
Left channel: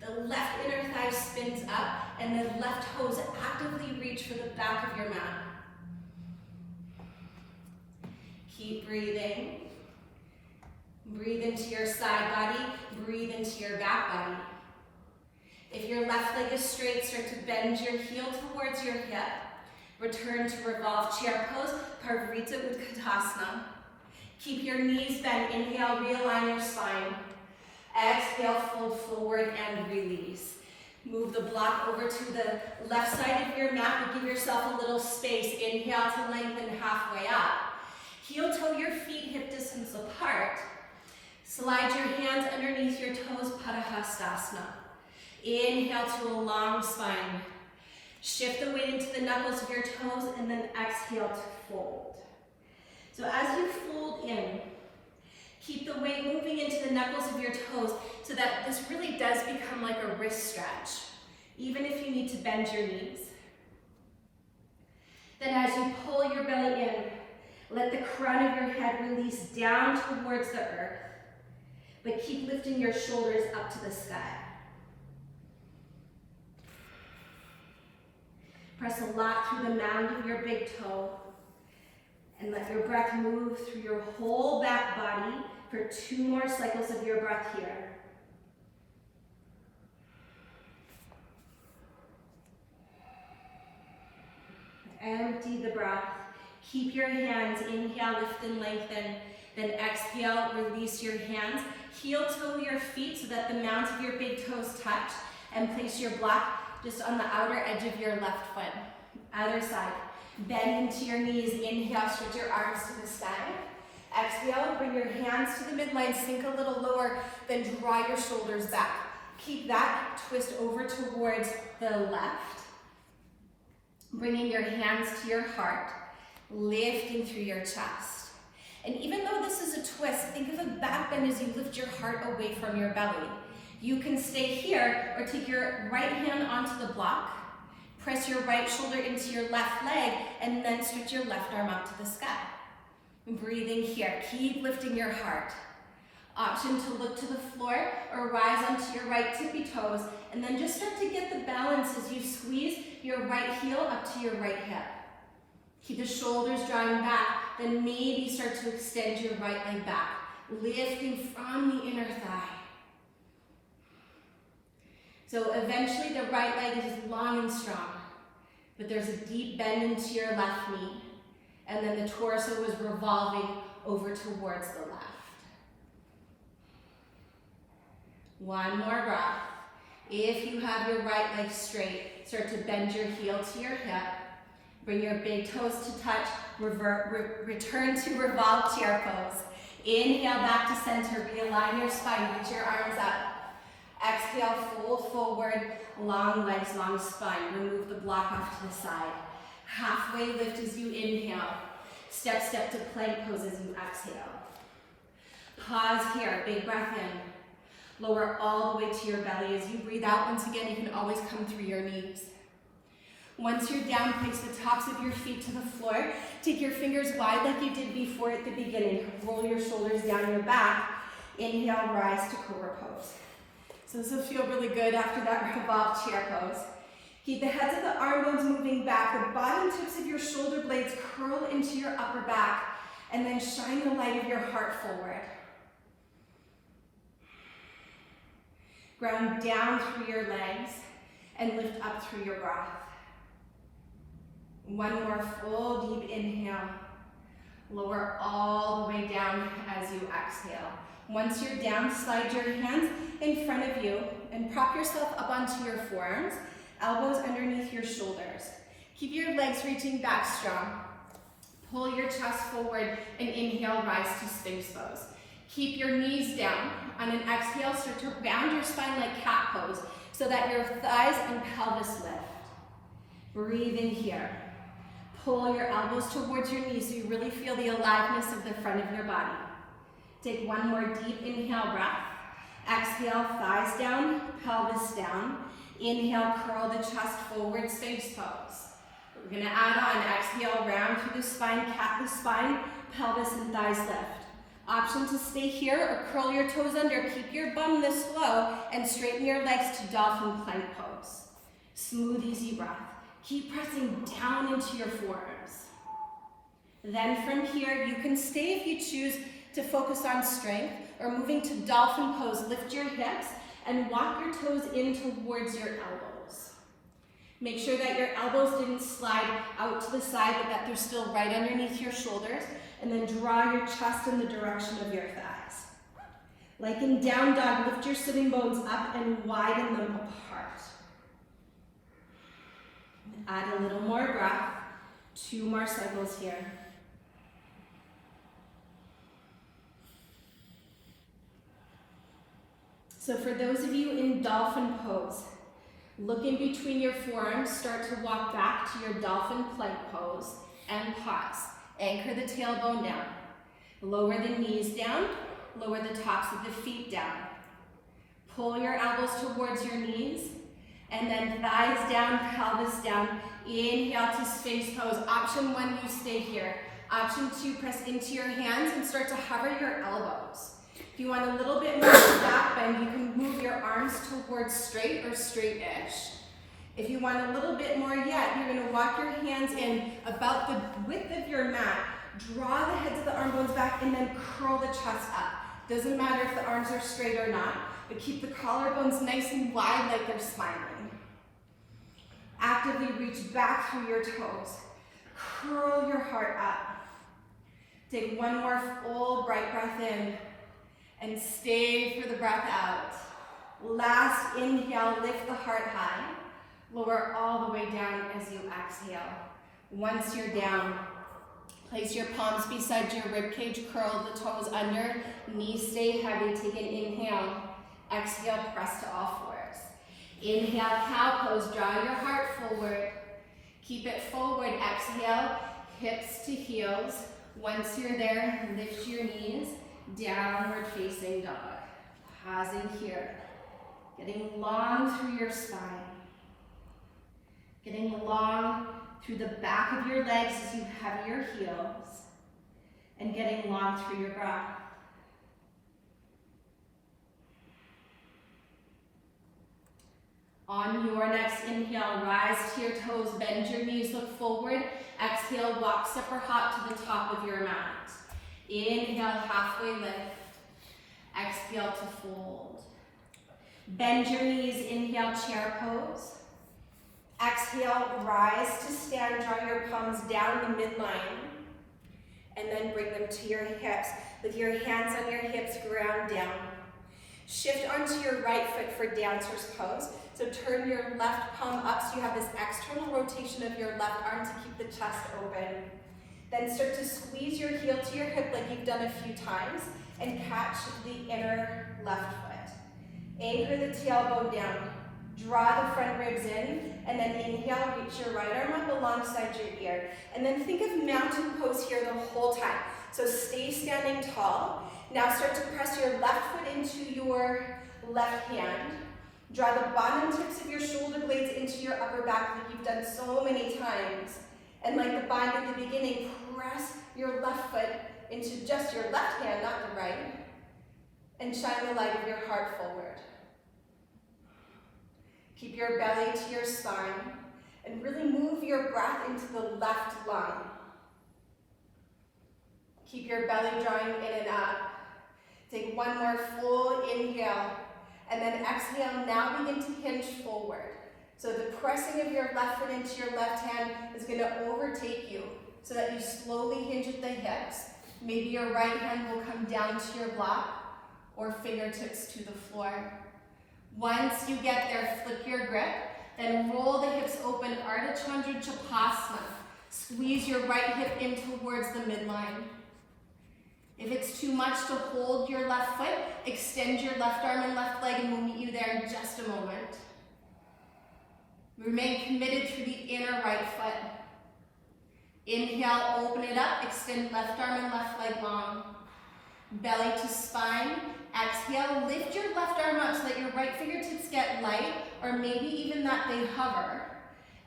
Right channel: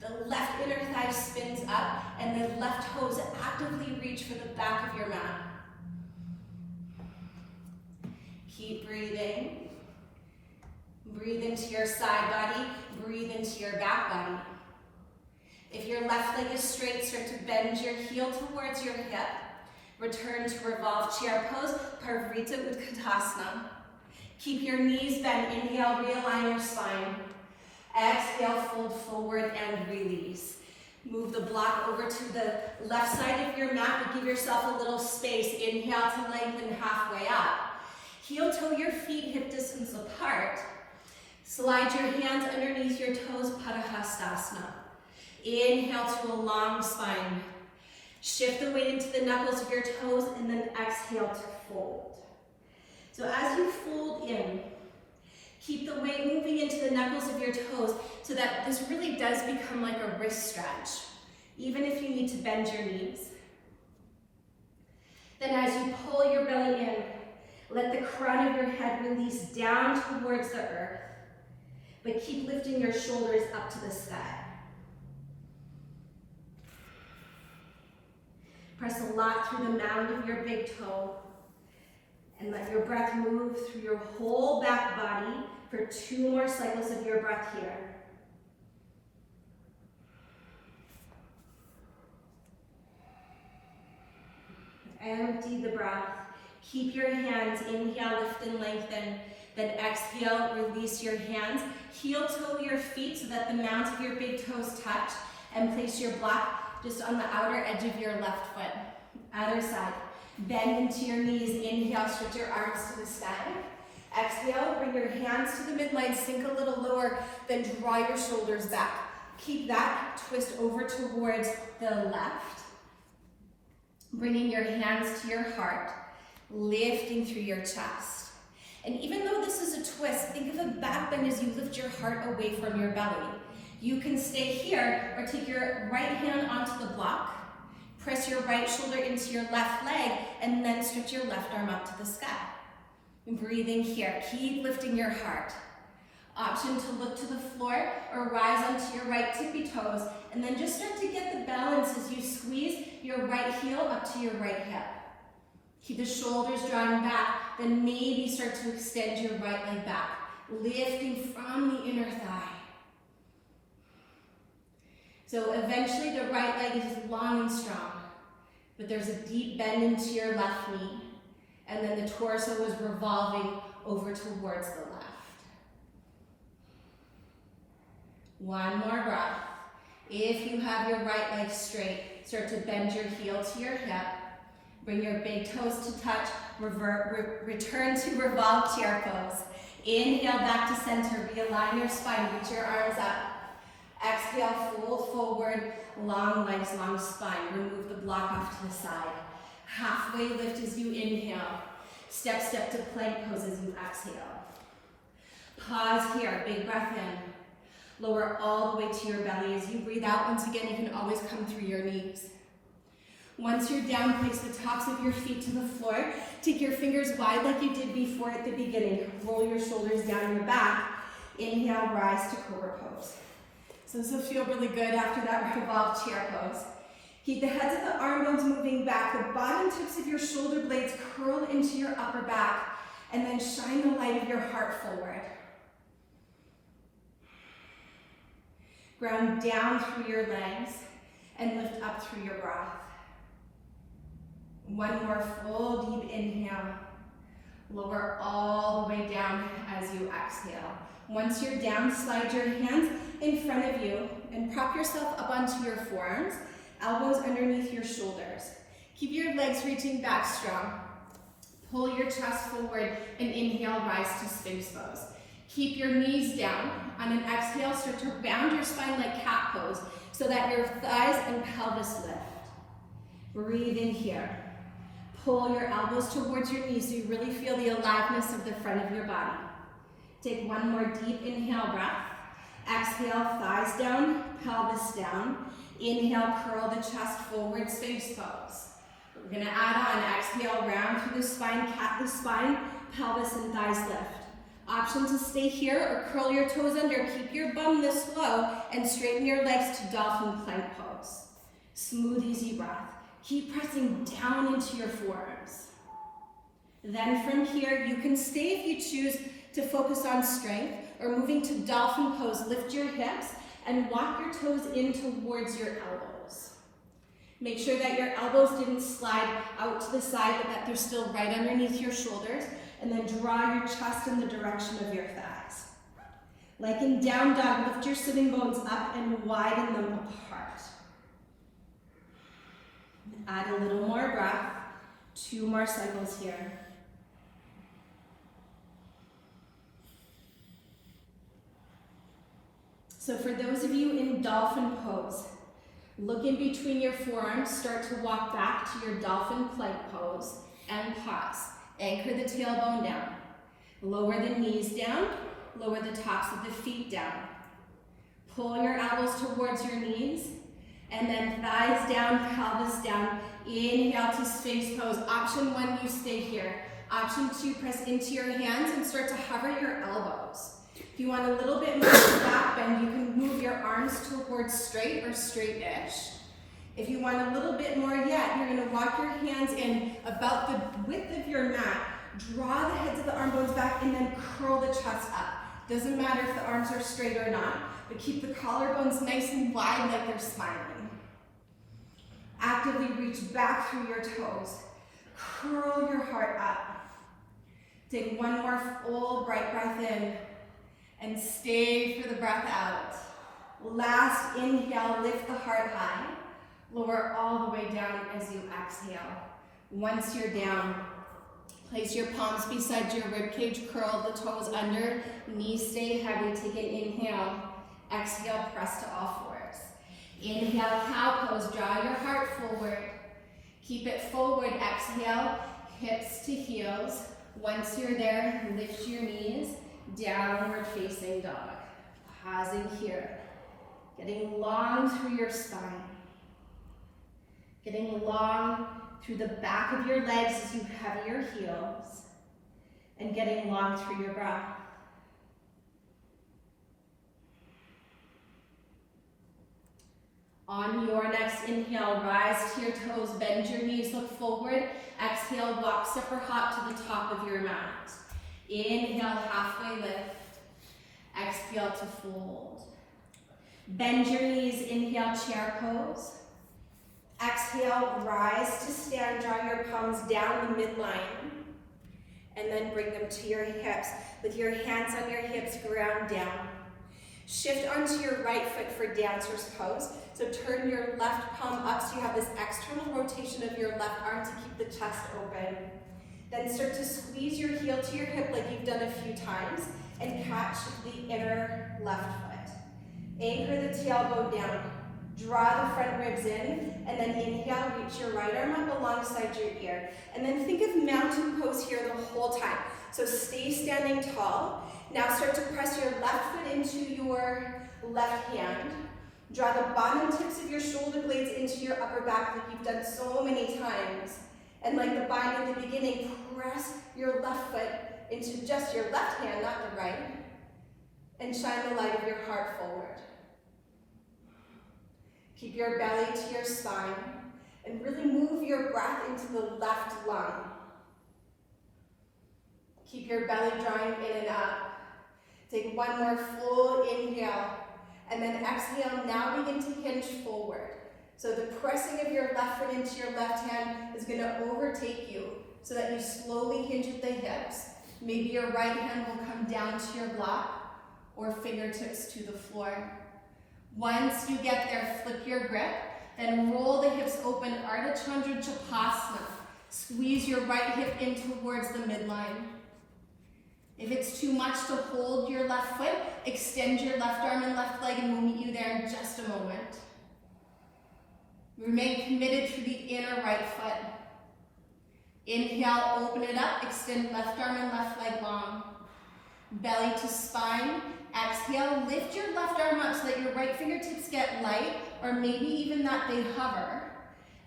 The left inner thigh spins up and the left toes actively reach for the back of your mat. Keep breathing. Breathe into your side body, breathe into your back body. If your left leg is straight, start to bend your heel towards your hip. Return to revolve chair pose, Parvrita Utkatasana. Keep your knees bent, inhale, realign your spine. Exhale, fold forward and release. Move the block over to the left side of your mat, but give yourself a little space. Inhale to lengthen halfway up. Heel toe your feet hip distance apart. Slide your hands underneath your toes, Padahasana. Inhale to a long spine. Shift the weight into the knuckles of your toes and then exhale to fold. So as you fold in, keep the weight moving into the knuckles of your toes so that this really does become like a wrist stretch, even if you need to bend your knees. Then as you pull your belly in, let the crown of your head release down towards the earth, but keep lifting your shoulders up to the sky. Press a lot through the mound of your big toe, and let your breath move through your whole back body for 2 more cycles of your breath here. Empty the breath. Keep your hands, inhale, lift and lengthen. Then exhale, release your hands. Heel toe your feet so that the mounts of your big toes touch, and place your block just on the outer edge of your left foot. Other side. Bend into your knees. Inhale, stretch your arms to the sky. Exhale, bring your hands to the midline, sink a little lower, then draw your shoulders back. Keep that twist over towards the left. Bringing your hands to your heart, lifting through your chest. And even though this is a twist, think of a back bend as you lift your heart away from your belly. You can stay here or take your right hand onto the block, press your right shoulder into your left leg, and then stretch your left arm up to the sky. Breathing here, keep lifting your heart. Option to look to the floor or rise onto your right tippy toes, and then just start to get the balance as you squeeze your right heel up to your right hip. Keep the shoulders drawing back, then maybe start to extend your right leg back, lifting from the inner thigh. So eventually the right leg is long and strong, but there's a deep bend into your left knee, and then the torso is revolving over towards the left. One more breath. If you have your right leg straight, start to bend your heel to your hip. Bring your big toes to touch. Return to revolve chair pose. Inhale back to center. Realign your spine. Reach your arms up. Exhale, fold forward. Long legs, long spine. Remove the block off to the side. Halfway lift as you inhale. Step to plank pose as you exhale. Pause here. Big breath in. Lower all the way to your belly. As you breathe out, once again, you can always come through your knees. Once you're down, place the tops of your feet to the floor. Take your fingers wide like you did before at the beginning. Roll your shoulders down your back. Inhale, rise to cobra pose. So this will feel really good after that revolved chair pose. Keep the heads of the arm bones moving back. The bottom tips of your shoulder blades curl into your upper back. And then shine the light of your heart forward. Ground down through your legs and lift up through your breath. One more full deep inhale. Lower all the way down as you exhale. Once you're down, slide your hands in front of you and prop yourself up onto your forearms, elbows underneath your shoulders. Keep your legs reaching back strong. Pull your chest forward and inhale, rise to Sphinx pose. Keep your knees down. On an exhale, start to round your spine like cat pose so that your thighs and pelvis lift. Breathing here. Pull your elbows towards your knees so you really feel the aliveness of the front of your body. Take one more deep inhale breath. Exhale, thighs down, pelvis down. Inhale, curl the chest forward, Sphinx pose. We're gonna add on, exhale, round through the spine, cat the spine, pelvis and thighs lift. Option to stay here or curl your toes under. Keep your bum this low and straighten your legs to Dolphin Plank pose. Smooth, easy breath. Keep pressing down into your forearms. Then from here, you can stay if you choose to focus on strength, or moving to Dolphin Pose. Lift your hips and walk your toes in towards your elbows. Make sure that your elbows didn't slide out to the side, but that they're still right underneath your shoulders. And then draw your chest in the direction of your thighs. Like in down dog, lift your sitting bones up and widen them apart. Add a little more breath. 2 more cycles here. So for those of you in Dolphin Pose, look in between your forearms, start to walk back to your Dolphin Plank pose, and pause. Anchor the tailbone down. Lower the knees down, lower the tops of the feet down. Pull your elbows towards your knees, and then thighs down, pelvis down. Inhale to Sphinx pose. Option 1, you stay here. Option 2, press into your hands and start to hover your elbows. If you want a little bit more back bend, you can move your arms towards straight or straight-ish. If you want a little bit more yet, you're going to walk your hands in about the width of your mat. Draw the heads of the arm bones back and then curl the chest up. Doesn't matter if the arms are straight or not, but keep the collarbones nice and wide like they're smiling. Actively reach back through your toes. Curl your heart up. Take one more full bright breath in and stay for the breath out. Last inhale, lift the heart high. Lower all the way down as you exhale. Once you're down, place your palms beside your ribcage, curl the toes under, knees stay heavy. Take an inhale. Exhale, press to all fours. Inhale, cow pose, draw your heart forward. Keep it forward, exhale, hips to heels. Once you're there, lift your knees, downward facing dog. Pausing here, getting long through your spine. Getting long through the back of your legs as you have your heels. And getting long through your breath. On your next inhale, rise to your toes, bend your knees, look forward. Exhale, walk step or hop to the top of your mat. Inhale, halfway lift. Exhale to fold. Bend your knees, inhale, chair pose. Exhale, rise to stand, draw your palms down the midline. And then bring them to your hips. With your hands on your hips, ground down. Shift onto your right foot for dancer's pose. So turn your left palm up so you have this external rotation of your left arm to keep the chest open. Then start to squeeze your heel to your hip like you've done a few times and catch the inner left foot. Anchor the tailbone down. Draw the front ribs in, and then inhale, reach your right arm up alongside your ear. And then think of mountain pose here the whole time. So stay standing tall. Now start to press your left foot into your left hand. Draw the bottom tips of your shoulder blades into your upper back like you've done so many times. And like the bind at the beginning, press your left foot into just your left hand, not your right. And shine the light of your heart forward. Keep your belly to your spine and really move your breath into the left lung. Keep your belly drawing in and up. Take one more full inhale and then exhale. Now begin to hinge forward. So the pressing of your left foot into your left hand is going to overtake you so that you slowly hinge at the hips. Maybe your right hand will come down to your block or fingertips to the floor. Once you get there, flip your grip, then roll the hips open, Ardha Chandra Chapasana. Squeeze your right hip in towards the midline. If it's too much to hold your left foot, extend your left arm and left leg, and we'll meet you there in just a moment. Remain committed to the inner right foot. Inhale, open it up, extend left arm and left leg long. Belly to spine. Exhale, lift your left arm up so that your right fingertips get light, or maybe even that they hover.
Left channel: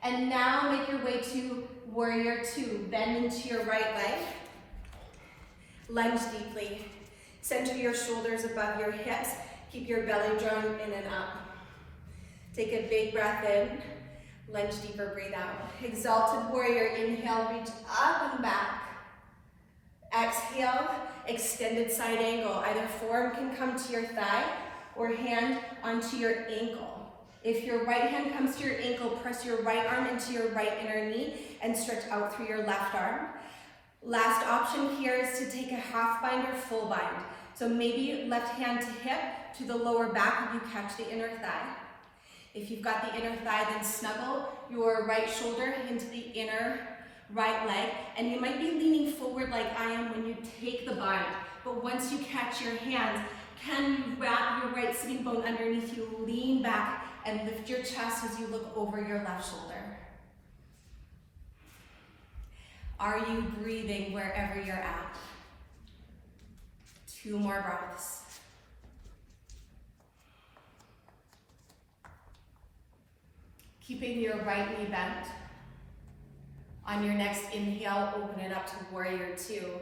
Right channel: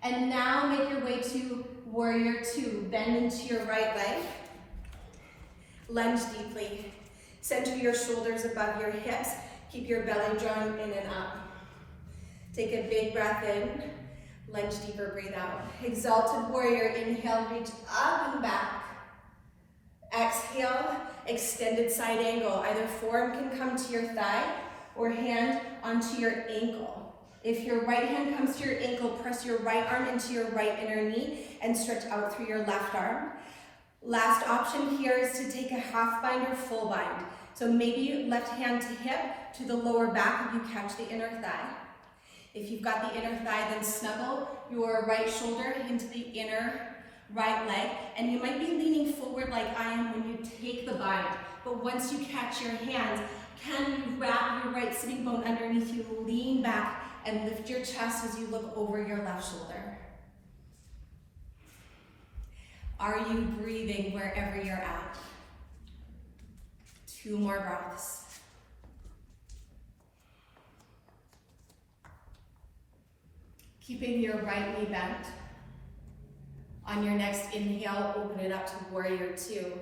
And now make your way to Warrior Two. Bend into your right leg. Lunge deeply. Center your shoulders above your hips. Keep your belly drawing in and up. Take a big breath in. Lunge deeper, breathe out. Exalted Warrior, inhale, reach up and back. Exhale, extended side angle. Either forearm can come to your thigh or hand onto your ankle. If your right hand comes to your ankle, press your right arm into your right inner knee and stretch out through your left arm. Last option here is to take a half bind or full bind. So maybe left hand to hip to the lower back and you catch the inner thigh. If you've got the inner thigh, then snuggle your right shoulder into the inner right leg, and you might be leaning forward like I am when you take the bind. But once you catch your hands, can you wrap your right sitting bone underneath you, lean back, and lift your chest as you look over your left shoulder. Are you breathing wherever you're at? 2 more breaths. Keeping your right knee bent. On your next inhale, open it up to Warrior Two.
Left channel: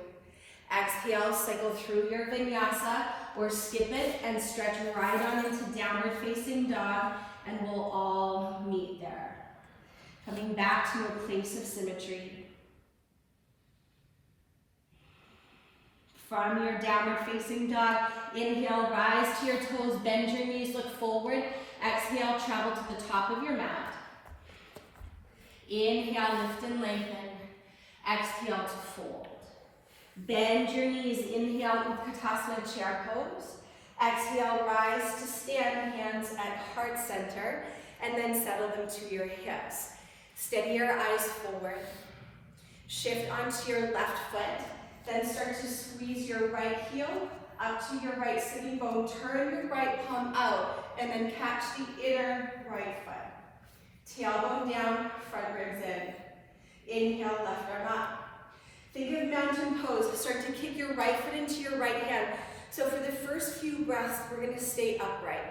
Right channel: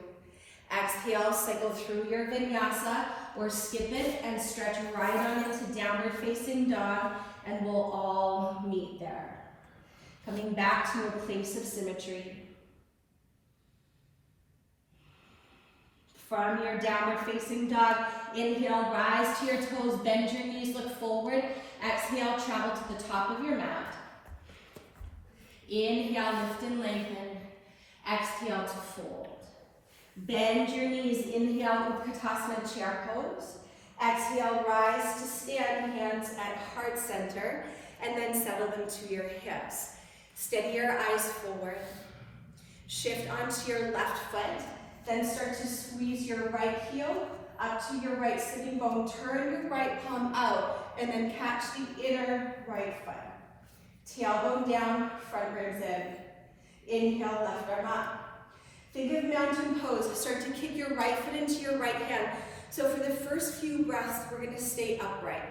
Exhale, cycle through your Vinyasa or skip it and stretch right on into downward facing dog, and we'll all meet there. Coming back to a place of symmetry. From your downward facing dog, inhale, rise to your toes, bend your knees, look forward. Exhale, travel to the top of your mat. Inhale, lift and lengthen. Exhale to fold. Bend your knees, inhale with Padahasana chair pose. Exhale, rise to stand, hands at heart center, and then settle them to your hips. Steady your eyes forward. Shift onto your left foot, then start to squeeze your right heel up to your right sitting bone. Turn your right palm out, and then catch the inner right foot. Tailbone down, front ribs in. Inhale, left arm up. Think of mountain pose. Start to kick your right foot into your right hand. So for the first few breaths, we're going to stay upright.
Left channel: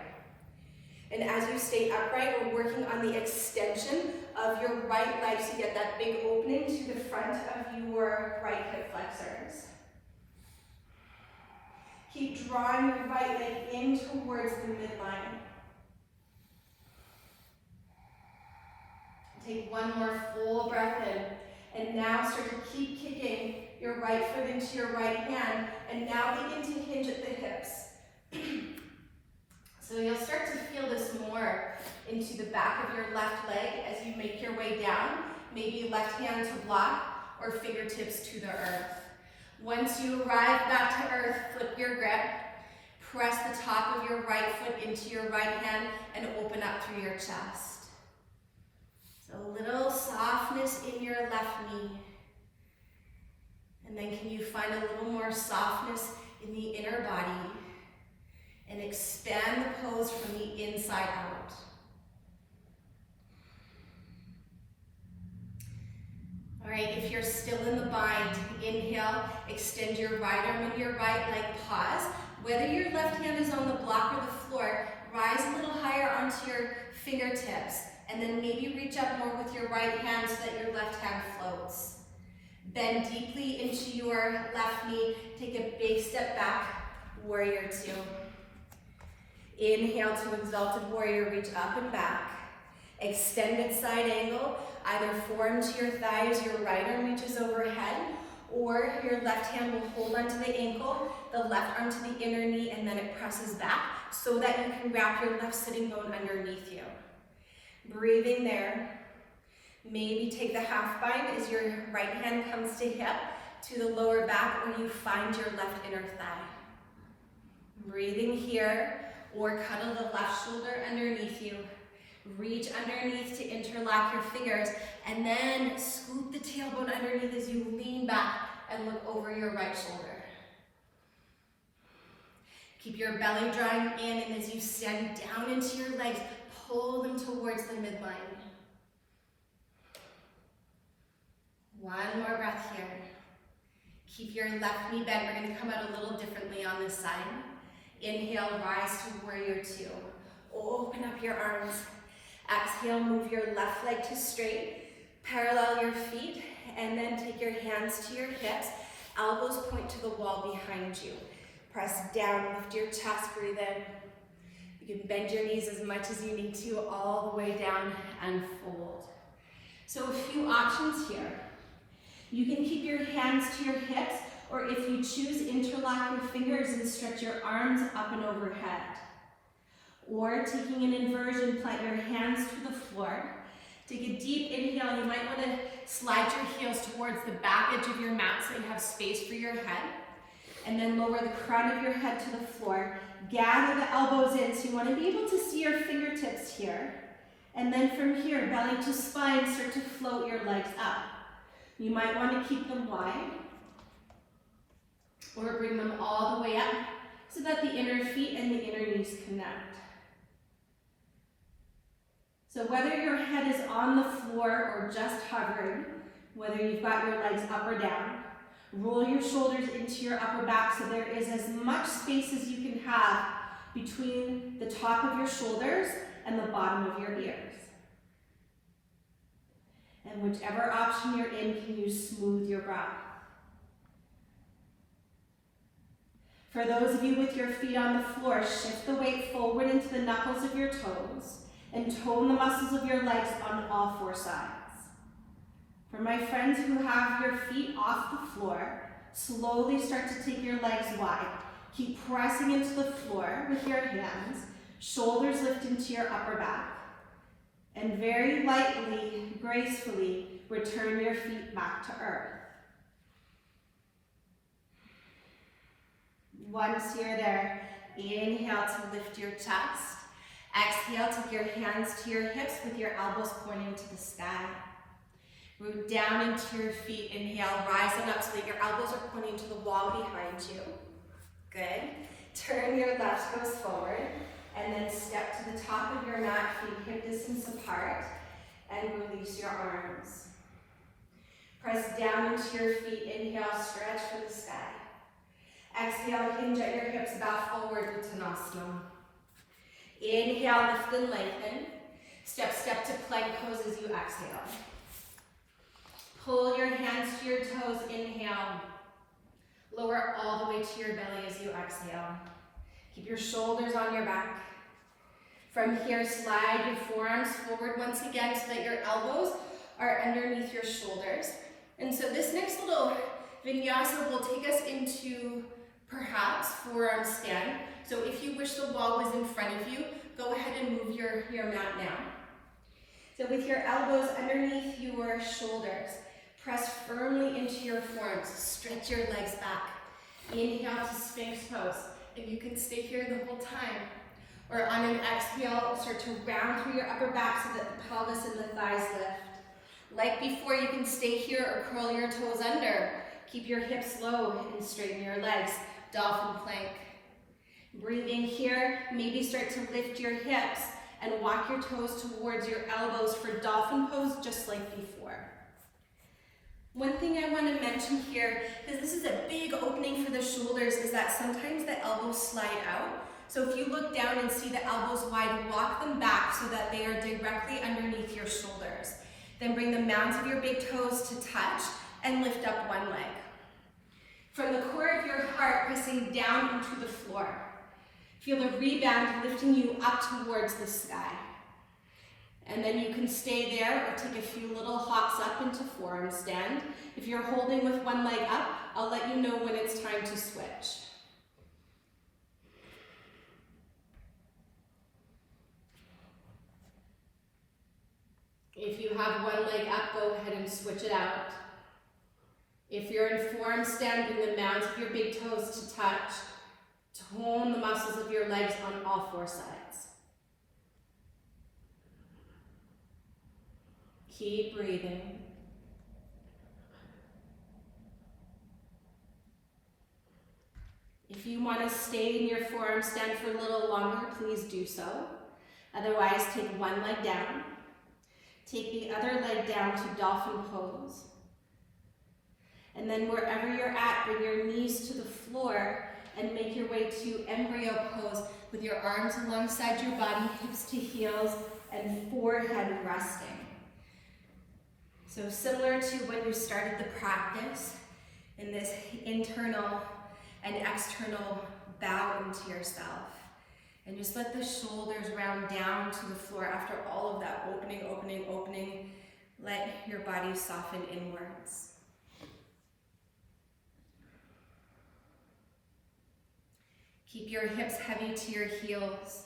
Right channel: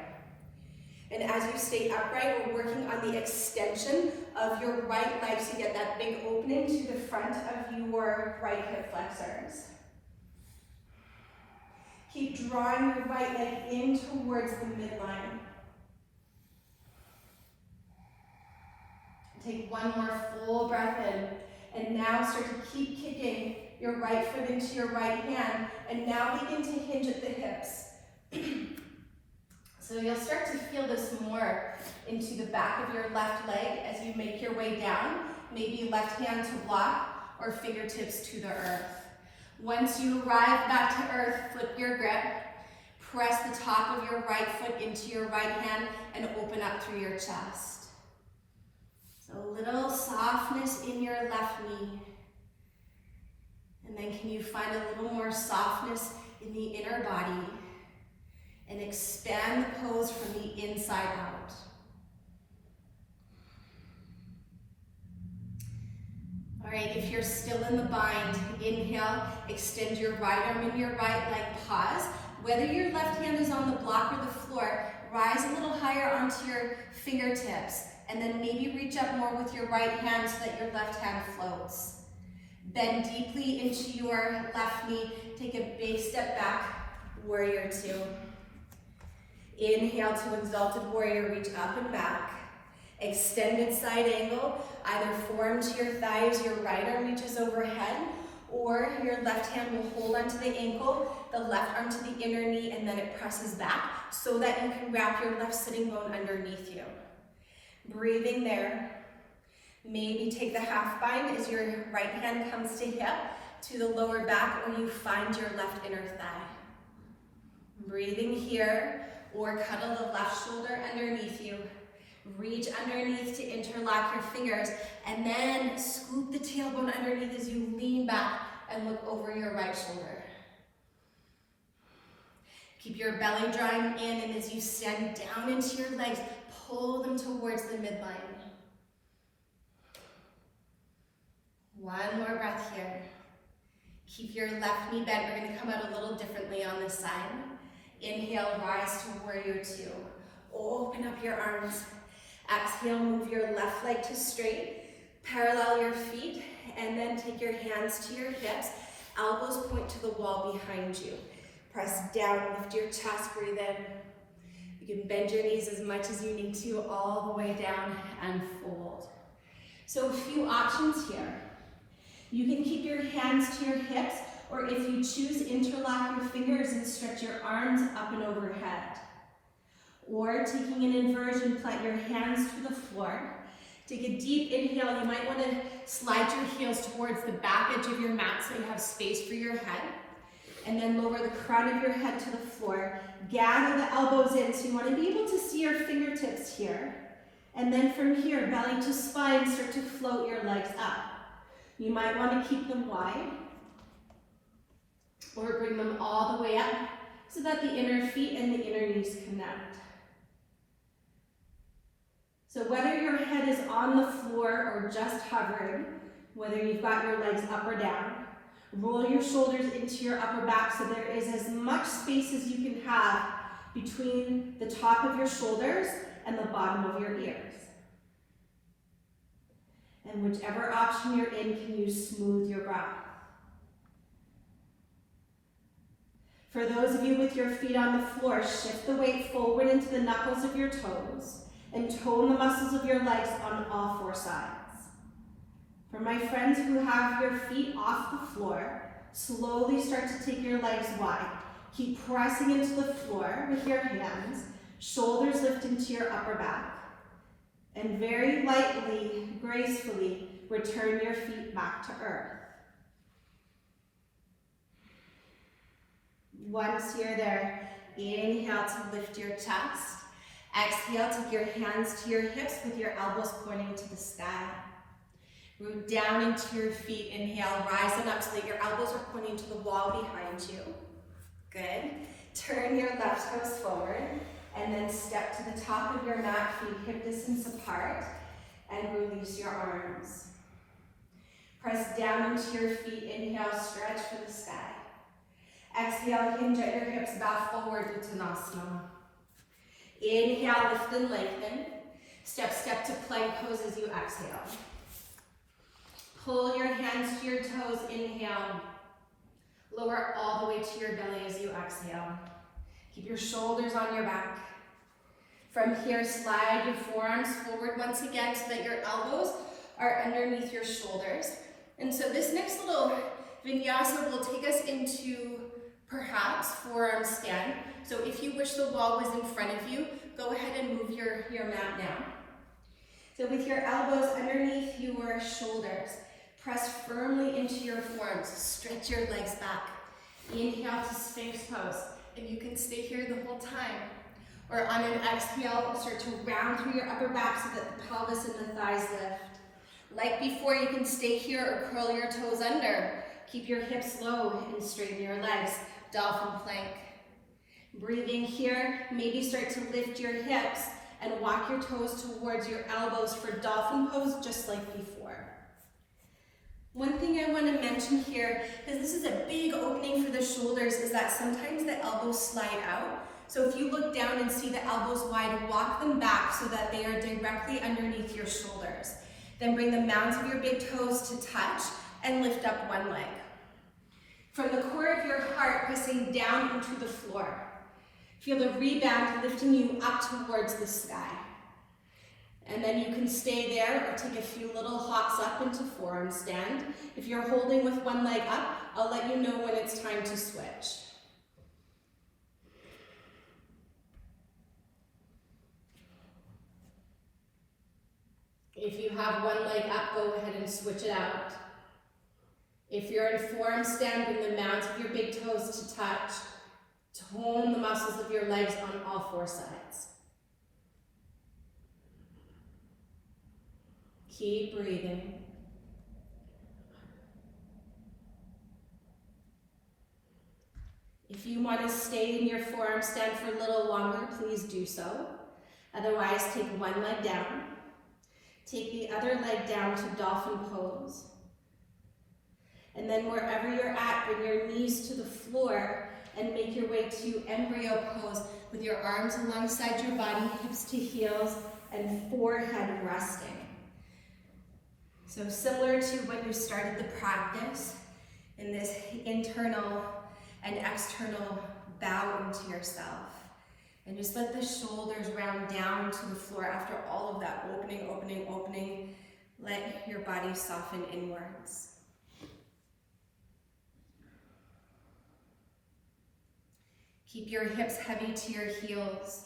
And as you stay upright, we're working on the extension of your right leg so you get that big opening to the front of your right hip flexors. Keep drawing your right leg in towards the midline. Take one more full breath in. And now start to keep kicking your right foot into your right hand. And now begin to hinge at the hips. So you'll start to feel this more into the back of your left leg as you make your way down. Maybe left hand to block or fingertips to the earth. Once you arrive back to earth, flip your grip. Press the top of your right foot into your right hand and open up through your chest. So a little softness in your left knee. And then can you find a little more softness in the inner body? And expand the pose from the inside out. All right, if you're still in the bind, inhale, extend your right arm and your right leg, pause. Whether your left hand is on the block or the floor, rise a little higher onto your fingertips, and then maybe reach up more with your right hand so that your left hand floats. Bend deeply into your left knee, take a big step back, warrior two. Inhale to Exalted Warrior, reach up and back. Extended side angle, either forearm to your thighs, your right arm reaches overhead, or your left hand will hold onto the ankle, the left arm to the inner knee, and then it presses back so that you can wrap your left sitting bone underneath you. Breathing there. Maybe take the half bind as your right hand comes to hip, to the lower back, or you find your left inner thigh. Breathing here. Or cuddle the left shoulder underneath you. Reach underneath to interlock your fingers, and then scoop the tailbone underneath as you lean back and look over your right shoulder. Keep your belly drawing in, and as you stand down into your legs, pull them towards the midline. One more breath here. Keep your left knee bent. We're going to come out a little differently on this side. Inhale, rise to warrior two. Open up your arms. Exhale, move your left leg to straight. Parallel your feet, and then take your hands to your hips. Elbows point to the wall behind you. Press down, lift your chest, breathe in. You can bend your knees as much as you need to, all the way down and fold. So a few options here. You can keep your hands to your hips, or if you choose, interlock your fingers and stretch your arms up and overhead. Or taking an inversion, plant your hands to the floor. Take a deep inhale. You might want to slide your heels towards the back edge of your mat so you have space for your head. And then lower the crown of your head to the floor. Gather the elbows in, so you want to be able to see your fingertips here. And then from here, belly to spine, start to float your legs up. You might want to keep them wide, or bring them all the way up so that the inner feet and the inner knees connect. So whether your head is on the floor or just hovering, whether you've got your legs up or down, roll your shoulders into your upper back so there is as much space as you can have between the top of your shoulders and the bottom of your ears. And whichever option you're in, can you smooth your breath? For those of you with your feet on the floor, shift the weight forward into the knuckles of your toes and tone the muscles of your legs on all four sides. For my friends who have your feet off the floor, slowly start to take your legs wide. Keep pressing into the floor with your hands, shoulders lift into your upper back, and very lightly, gracefully, return your feet back to earth. Once you're there, inhale to lift your chest. Exhale, take your hands to your hips with your elbows pointing to the sky. Root down into your feet. Inhale, rising up so that your elbows are pointing to the wall behind you. Good. Turn your left toes forward and then step to the top of your mat, feet hip distance apart, and release your arms. Press down into your feet. Inhale, stretch for the sky. Exhale, hinge at your hips, bow forward, Uttanasana. Inhale, lift and lengthen. Step to plank pose as you exhale. Pull your hands to your toes, inhale. Lower all the way to your belly as you exhale. Keep your shoulders on your back. From here, slide your forearms forward once again so that your elbows are underneath your shoulders. And so this next little vinyasa will take us into perhaps forearm stand. So if you wish the wall was in front of you, go ahead and move your mat down. So with your elbows underneath your shoulders, press firmly into your forearms. Stretch your legs back. Inhale to Sphinx pose. And you can stay here the whole time. Or on an exhale, start to round through your upper back so that the pelvis and the thighs lift. Like before, you can stay here or curl your toes under. Keep your hips low and straighten your legs. Dolphin Plank. Breathing here, maybe start to lift your hips and walk your toes towards your elbows for Dolphin Pose, just like before. One thing I want to mention here, because this is a big opening for the shoulders, is that sometimes the elbows slide out. So if you look down and see the elbows wide, walk them back so that they are directly underneath your shoulders. Then bring the mounds of your big toes to touch and lift up one leg. From the core of your heart, pressing down into the floor. Feel the rebound lifting you up towards the sky. And then you can stay there or take a few little hops up into forearm stand. If you're holding with one leg up, I'll let you know when it's time to switch. If you have one leg up, go ahead and switch it out. If you're in forearm stand, bring the mounds of your big toes to touch. Tone the muscles of your legs on all four sides. Keep breathing. If you want to stay in your forearm stand for a little longer, please do so. Otherwise, take one leg down. Take the other leg down to Dolphin Pose. And then wherever you're at, bring your knees to the floor and make your way to embryo pose with your arms alongside your body, hips to heels, and forehead resting. So similar to when you started the practice, in this internal and external bow into yourself. And just let the shoulders round down to the floor after all of that opening. Let your body soften inwards. Keep your hips heavy to your heels.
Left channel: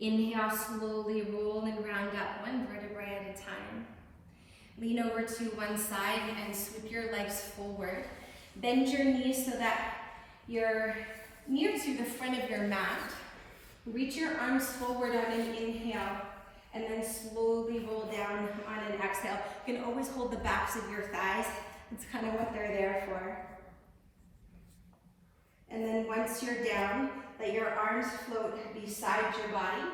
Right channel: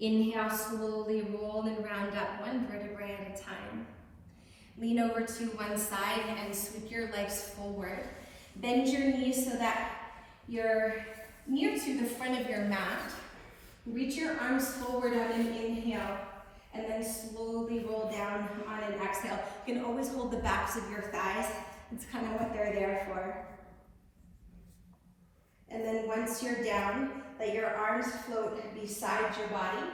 Inhale, slowly roll and round up one vertebrae at a time. Lean over to one side and sweep your legs forward. Bend your knees so that you're near to the front of your mat. Reach your arms forward on an inhale and then slowly roll down on an exhale. You can always hold the backs of your thighs. It's kind of what they're there for. And then once you're down, let your arms float beside your body.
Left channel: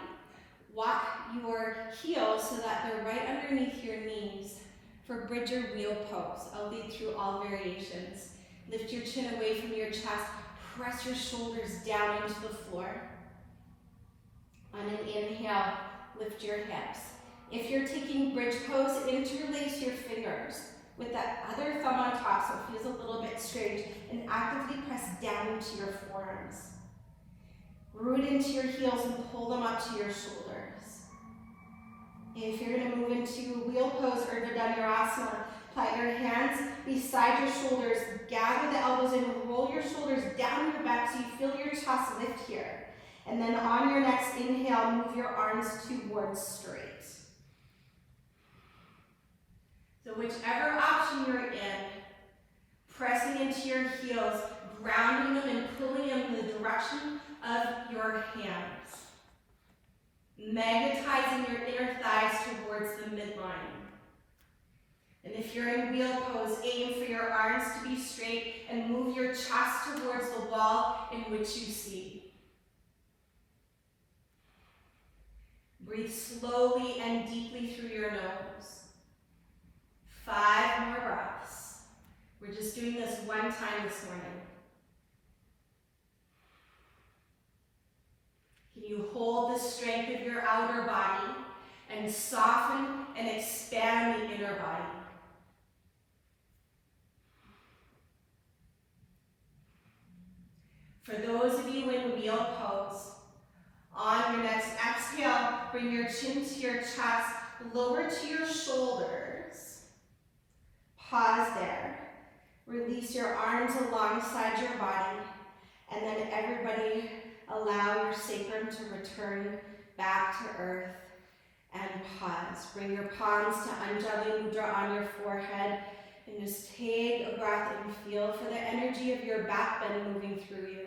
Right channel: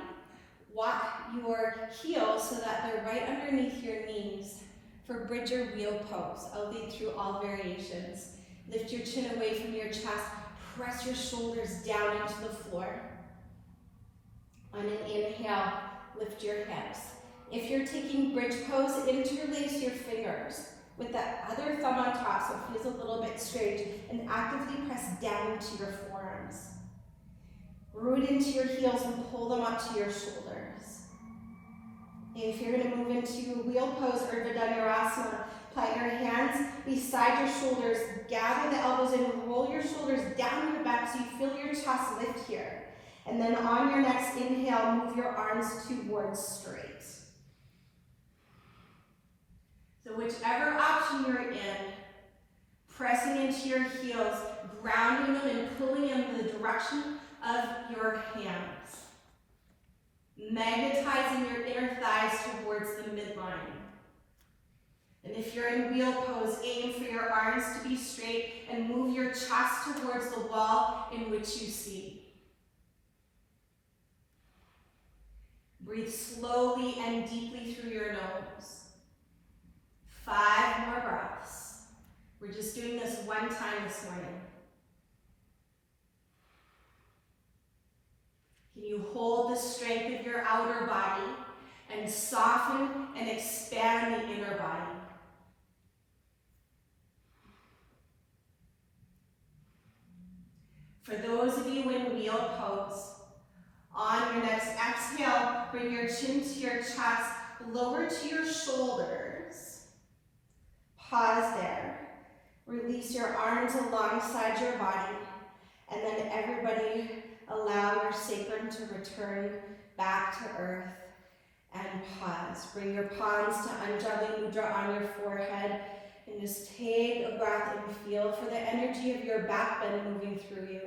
Walk your heels so that they're right underneath your knees for bridge or wheel pose. I'll lead through all variations. Lift your chin away from your chest. Press your shoulders down into the floor. On an inhale, lift your hips. If you're taking bridge pose, interlace your fingers with that other thumb on top so it feels a little bit strange, and actively press down into your forearms. Root into your heels and pull them up to your shoulders. If you're going to move into wheel pose or Padahasana, plant your hands beside your shoulders, gather the elbows in, roll your shoulders down your back so you feel your chest lift here. And then on your next inhale, move your arms towards straight. So whichever option you're in, Pressing into your heels, grounding them and pulling them in the direction of your hands. Magnetizing your inner thighs towards the midline. And if you're in wheel pose, aim for your arms to be straight and move your chest towards the wall in which you see. Breathe slowly and deeply through your nose. 5 more breaths. We're just doing this one time this morning. Can you hold the strength of your outer body and soften and expand the inner body? For those of you in wheel pose, on your next exhale, bring your chin to your chest, lower to your shoulders. Pause there. Release your arms alongside your body, and then everybody allow your sacrum to return back to earth and pause. Bring your palms to Anjali Mudra on your forehead and just take a breath and feel for the energy of your back bend moving through you.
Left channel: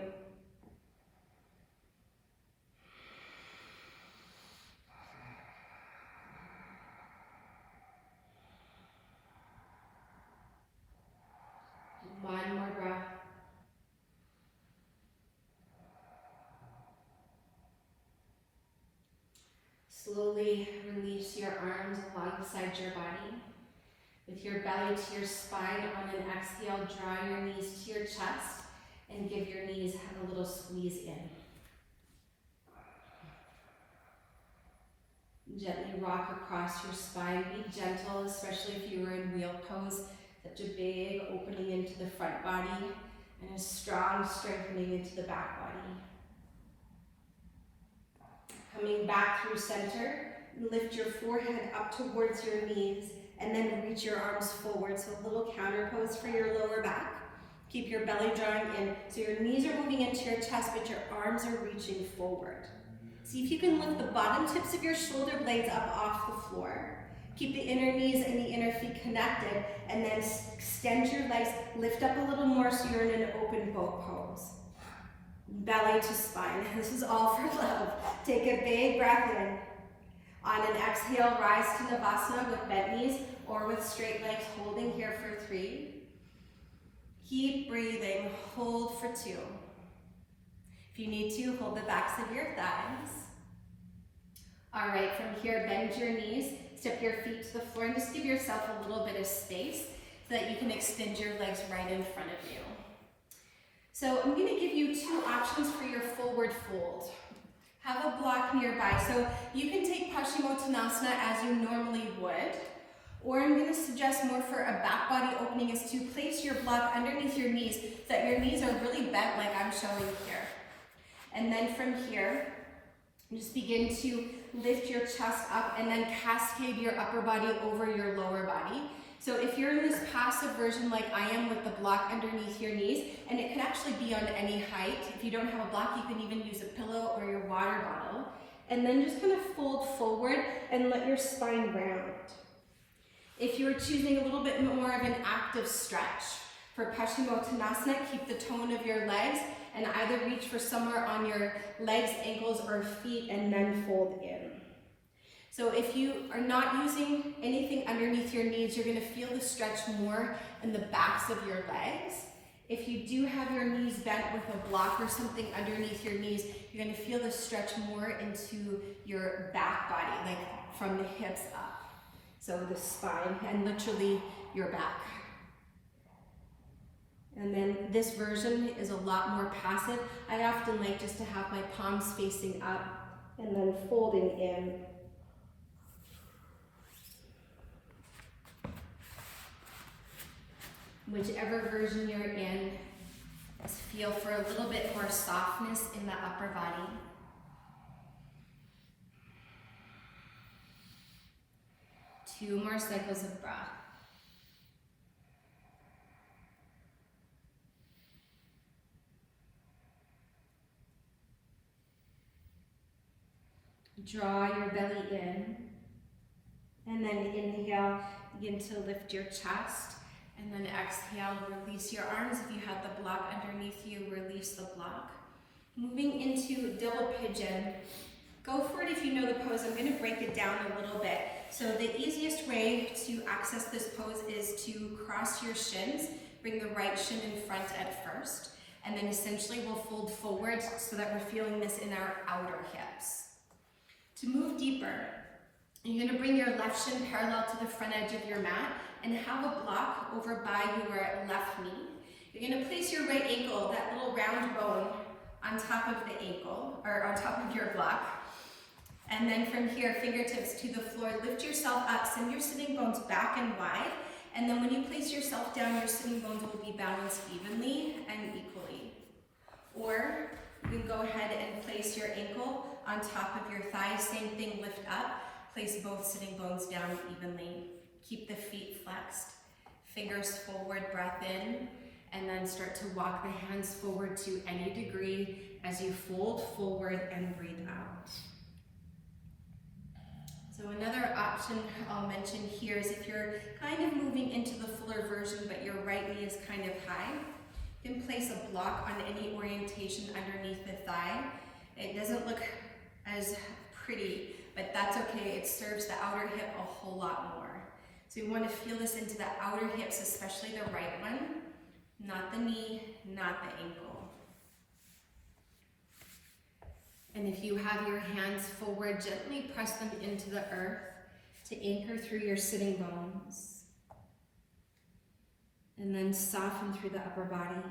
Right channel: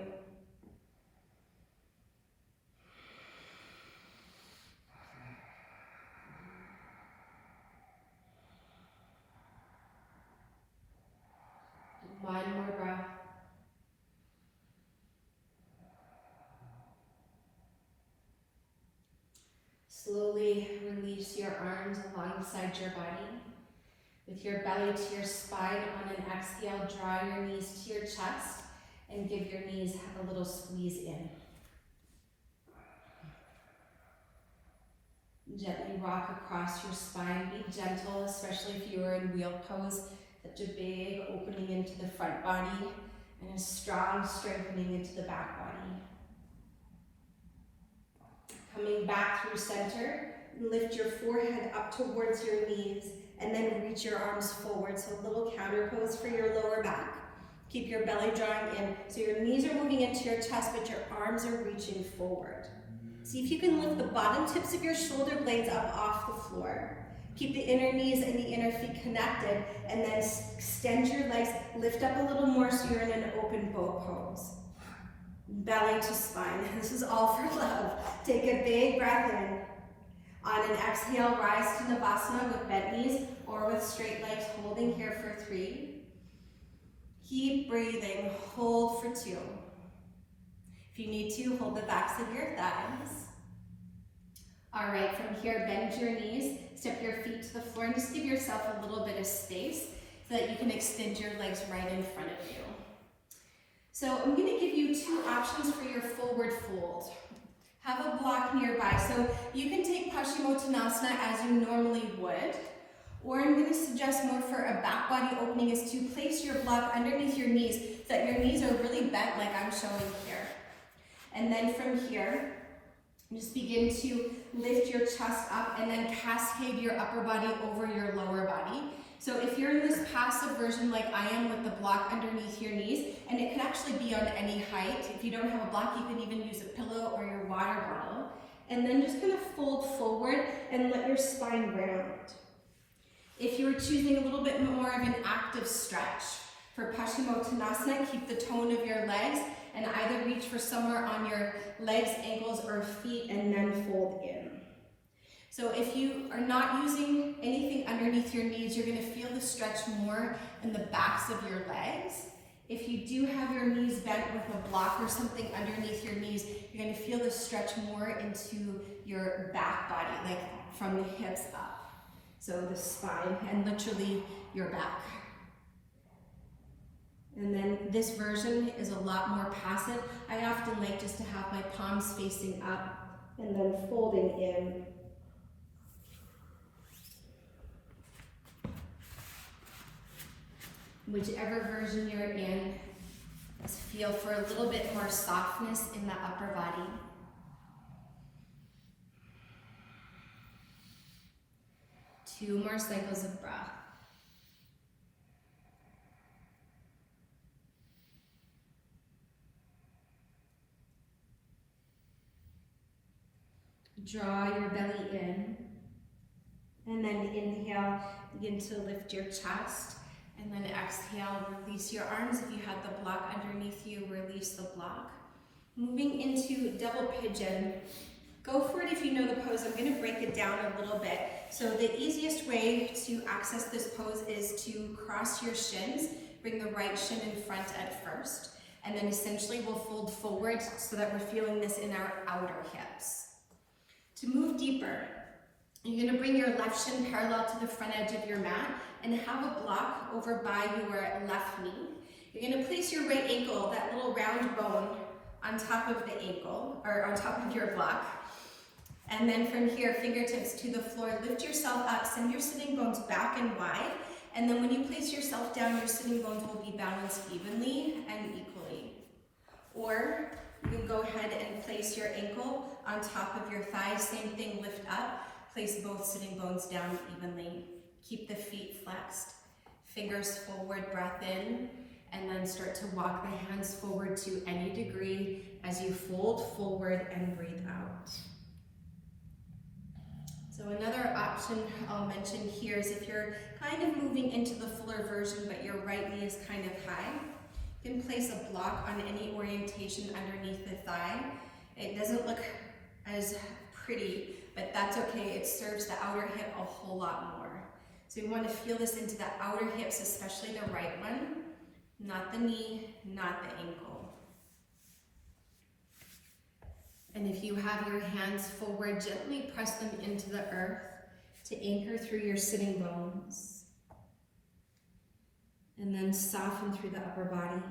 One more breath. Slowly release your arms alongside your body. With your belly to your spine, on an exhale, draw your knees to your chest and give your knees a little squeeze in. Gently rock across your spine. Be gentle, especially if you are in wheel pose. Such a big opening into the front body and a strong strengthening into the back body. Coming back through center, lift your forehead up towards your knees and then reach your arms forward. So a little counter pose for your lower back. Keep your belly drawing in. So your knees are moving into your chest, but your arms are reaching forward. See if you can lift the bottom tips of your shoulder blades up off the floor. Keep the inner knees and the inner feet connected, and then extend your legs, lift up a little more so you're in an open boat pose. Belly to spine. This is all for love. Take a big breath in. On an exhale, rise to Shavasana with bent knees or with straight legs, holding here for 3. Keep breathing. Hold for 2. If you need to, hold the backs of your thighs. All right, from here, bend your knees, step your feet to the floor, and just give yourself a little bit of space so that you can extend your legs right in front of you. So I'm going to give you 2 options for your forward fold. Have a block nearby. So you can take Paschimottanasana as you normally would, or I'm going to suggest more for a back body opening is to place your block underneath your knees so that your knees are really bent like I'm showing here. And then from here, just begin to lift your chest up and then cascade your upper body over your lower body. So if you're in this passive version like I am with the block underneath your knees, and it can actually be on any height. If you don't have a block, you can even use a pillow or your water bottle. And then just kind of fold forward and let your spine round. If you're choosing a little bit more of an active stretch, for Paschimottanasana, keep the tone of your legs and either reach for somewhere on your legs, ankles, or feet and then fold in. So if you are not using anything underneath your knees, you're going to feel the stretch more in the backs of your legs. If you do have your knees bent with a block or something underneath your knees, you're going to feel the stretch more into your back body, like from the hips up. So the spine and literally your back. And then this version is a lot more passive. I often like just to have my palms facing up and then folding in. Whichever version you're in, just feel for a little bit more softness in the upper body. Two more cycles of breath. Draw your belly in, and then inhale, begin to lift your chest, And then exhale, release your arms. If you have the block underneath you, release the block. Moving into double pigeon. Go for it if you know the pose. I'm going to break it down a little bit. So the easiest way to access this pose is to cross your shins. Bring the right shin in front at first. And then essentially we'll fold forward so that we're feeling this in our outer hips. To move deeper, you're going to bring your left shin parallel to the front edge of your mat and have a block over by your left knee. You're going to place your right ankle, that little round bone, on top of the ankle, or on top of your block. And then from here, fingertips to the floor, lift yourself up, send your sitting bones back and wide. And then when you place yourself down, your sitting bones will be balanced evenly and equally. Or you can go ahead and place your ankle on top of your thigh, same thing, lift up, place both sitting bones down evenly. Keep the feet flexed, fingers forward, breath in, and then start to walk the hands forward to any degree as you fold forward and breathe out. So another option I'll mention here is if you're kind of moving into the fuller version but your right knee is kind of high, you can place a block on any orientation underneath the thigh. It doesn't look as pretty, but that's okay. It serves the outer hip a whole lot more. So you want to feel this into the outer hips, especially the right one, not the knee, not the ankle. And if you have your hands forward, gently press them into the earth to anchor through your sitting bones. And then soften through the upper body.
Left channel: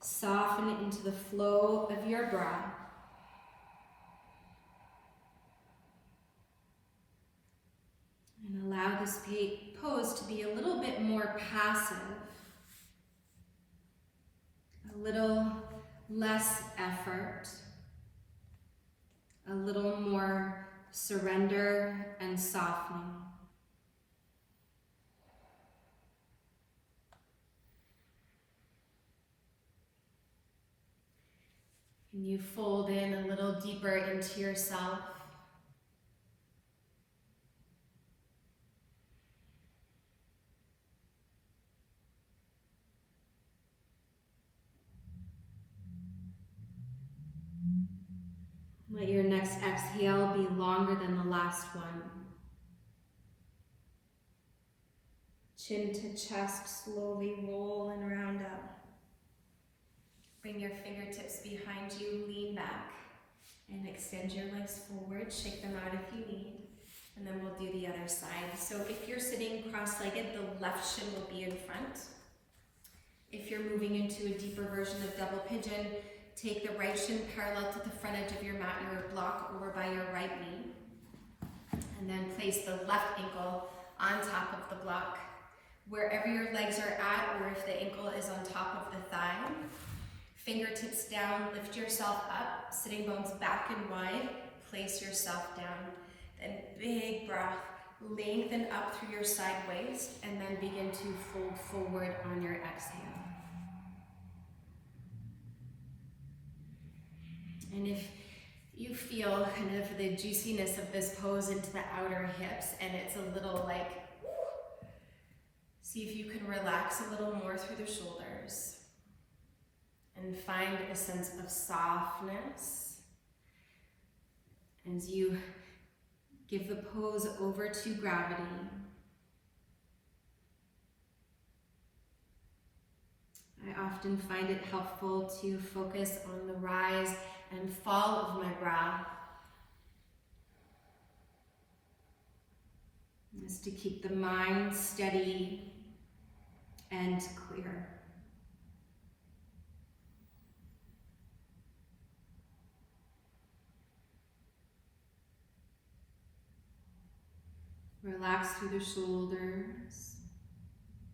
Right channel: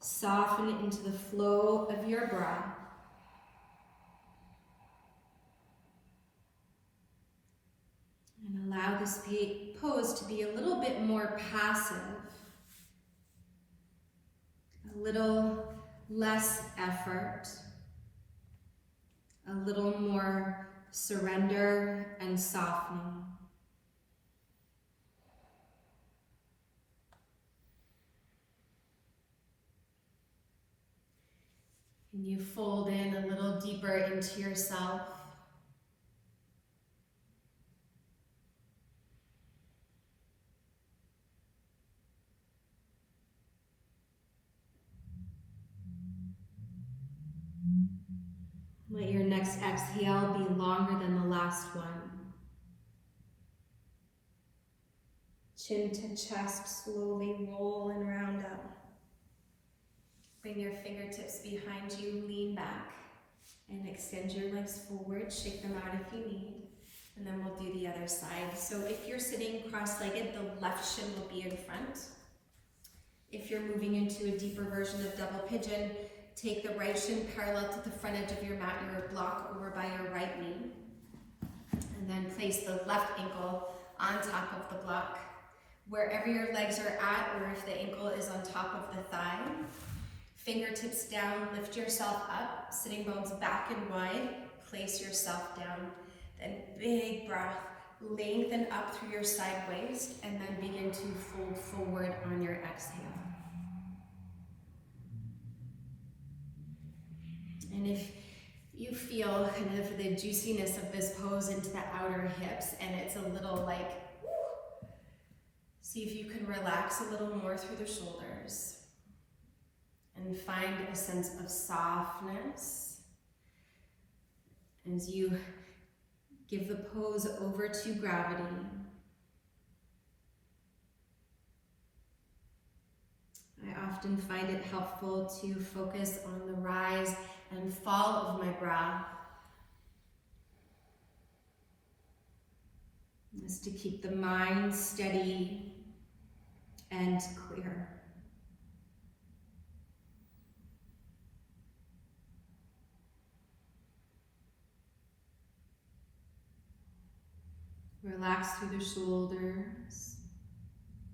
Soften into the flow of your breath. And allow this pose to be a little bit more passive, a little less effort, a little more surrender and softening. And you fold in a little deeper into yourself. Let your next exhale be longer than the last one. Chin to chest, slowly roll and round up. Bring your fingertips behind you, lean back, and extend your legs forward. Shake them out if you need, and then we'll do the other side. So if you're sitting cross-legged, the left shin will be in front. If you're moving into a deeper version of double pigeon, take the right shin parallel to the front edge of your mat, your block over by your right knee. And then place the left ankle on top of the block. Wherever your legs are at, or if the ankle is on top of the thigh, fingertips down, lift yourself up, sitting bones back and wide, place yourself down. Then big breath, lengthen up through your side waist, and then begin to fold forward on your exhale. And if you feel kind of the juiciness of this pose into the outer hips and it's a little like, see if you can relax a little more through the shoulders and find a sense of softness as you give the pose over to gravity. I often find it helpful to focus on the rise and fall of my breath, just to keep the mind steady and clear. Relax through the shoulders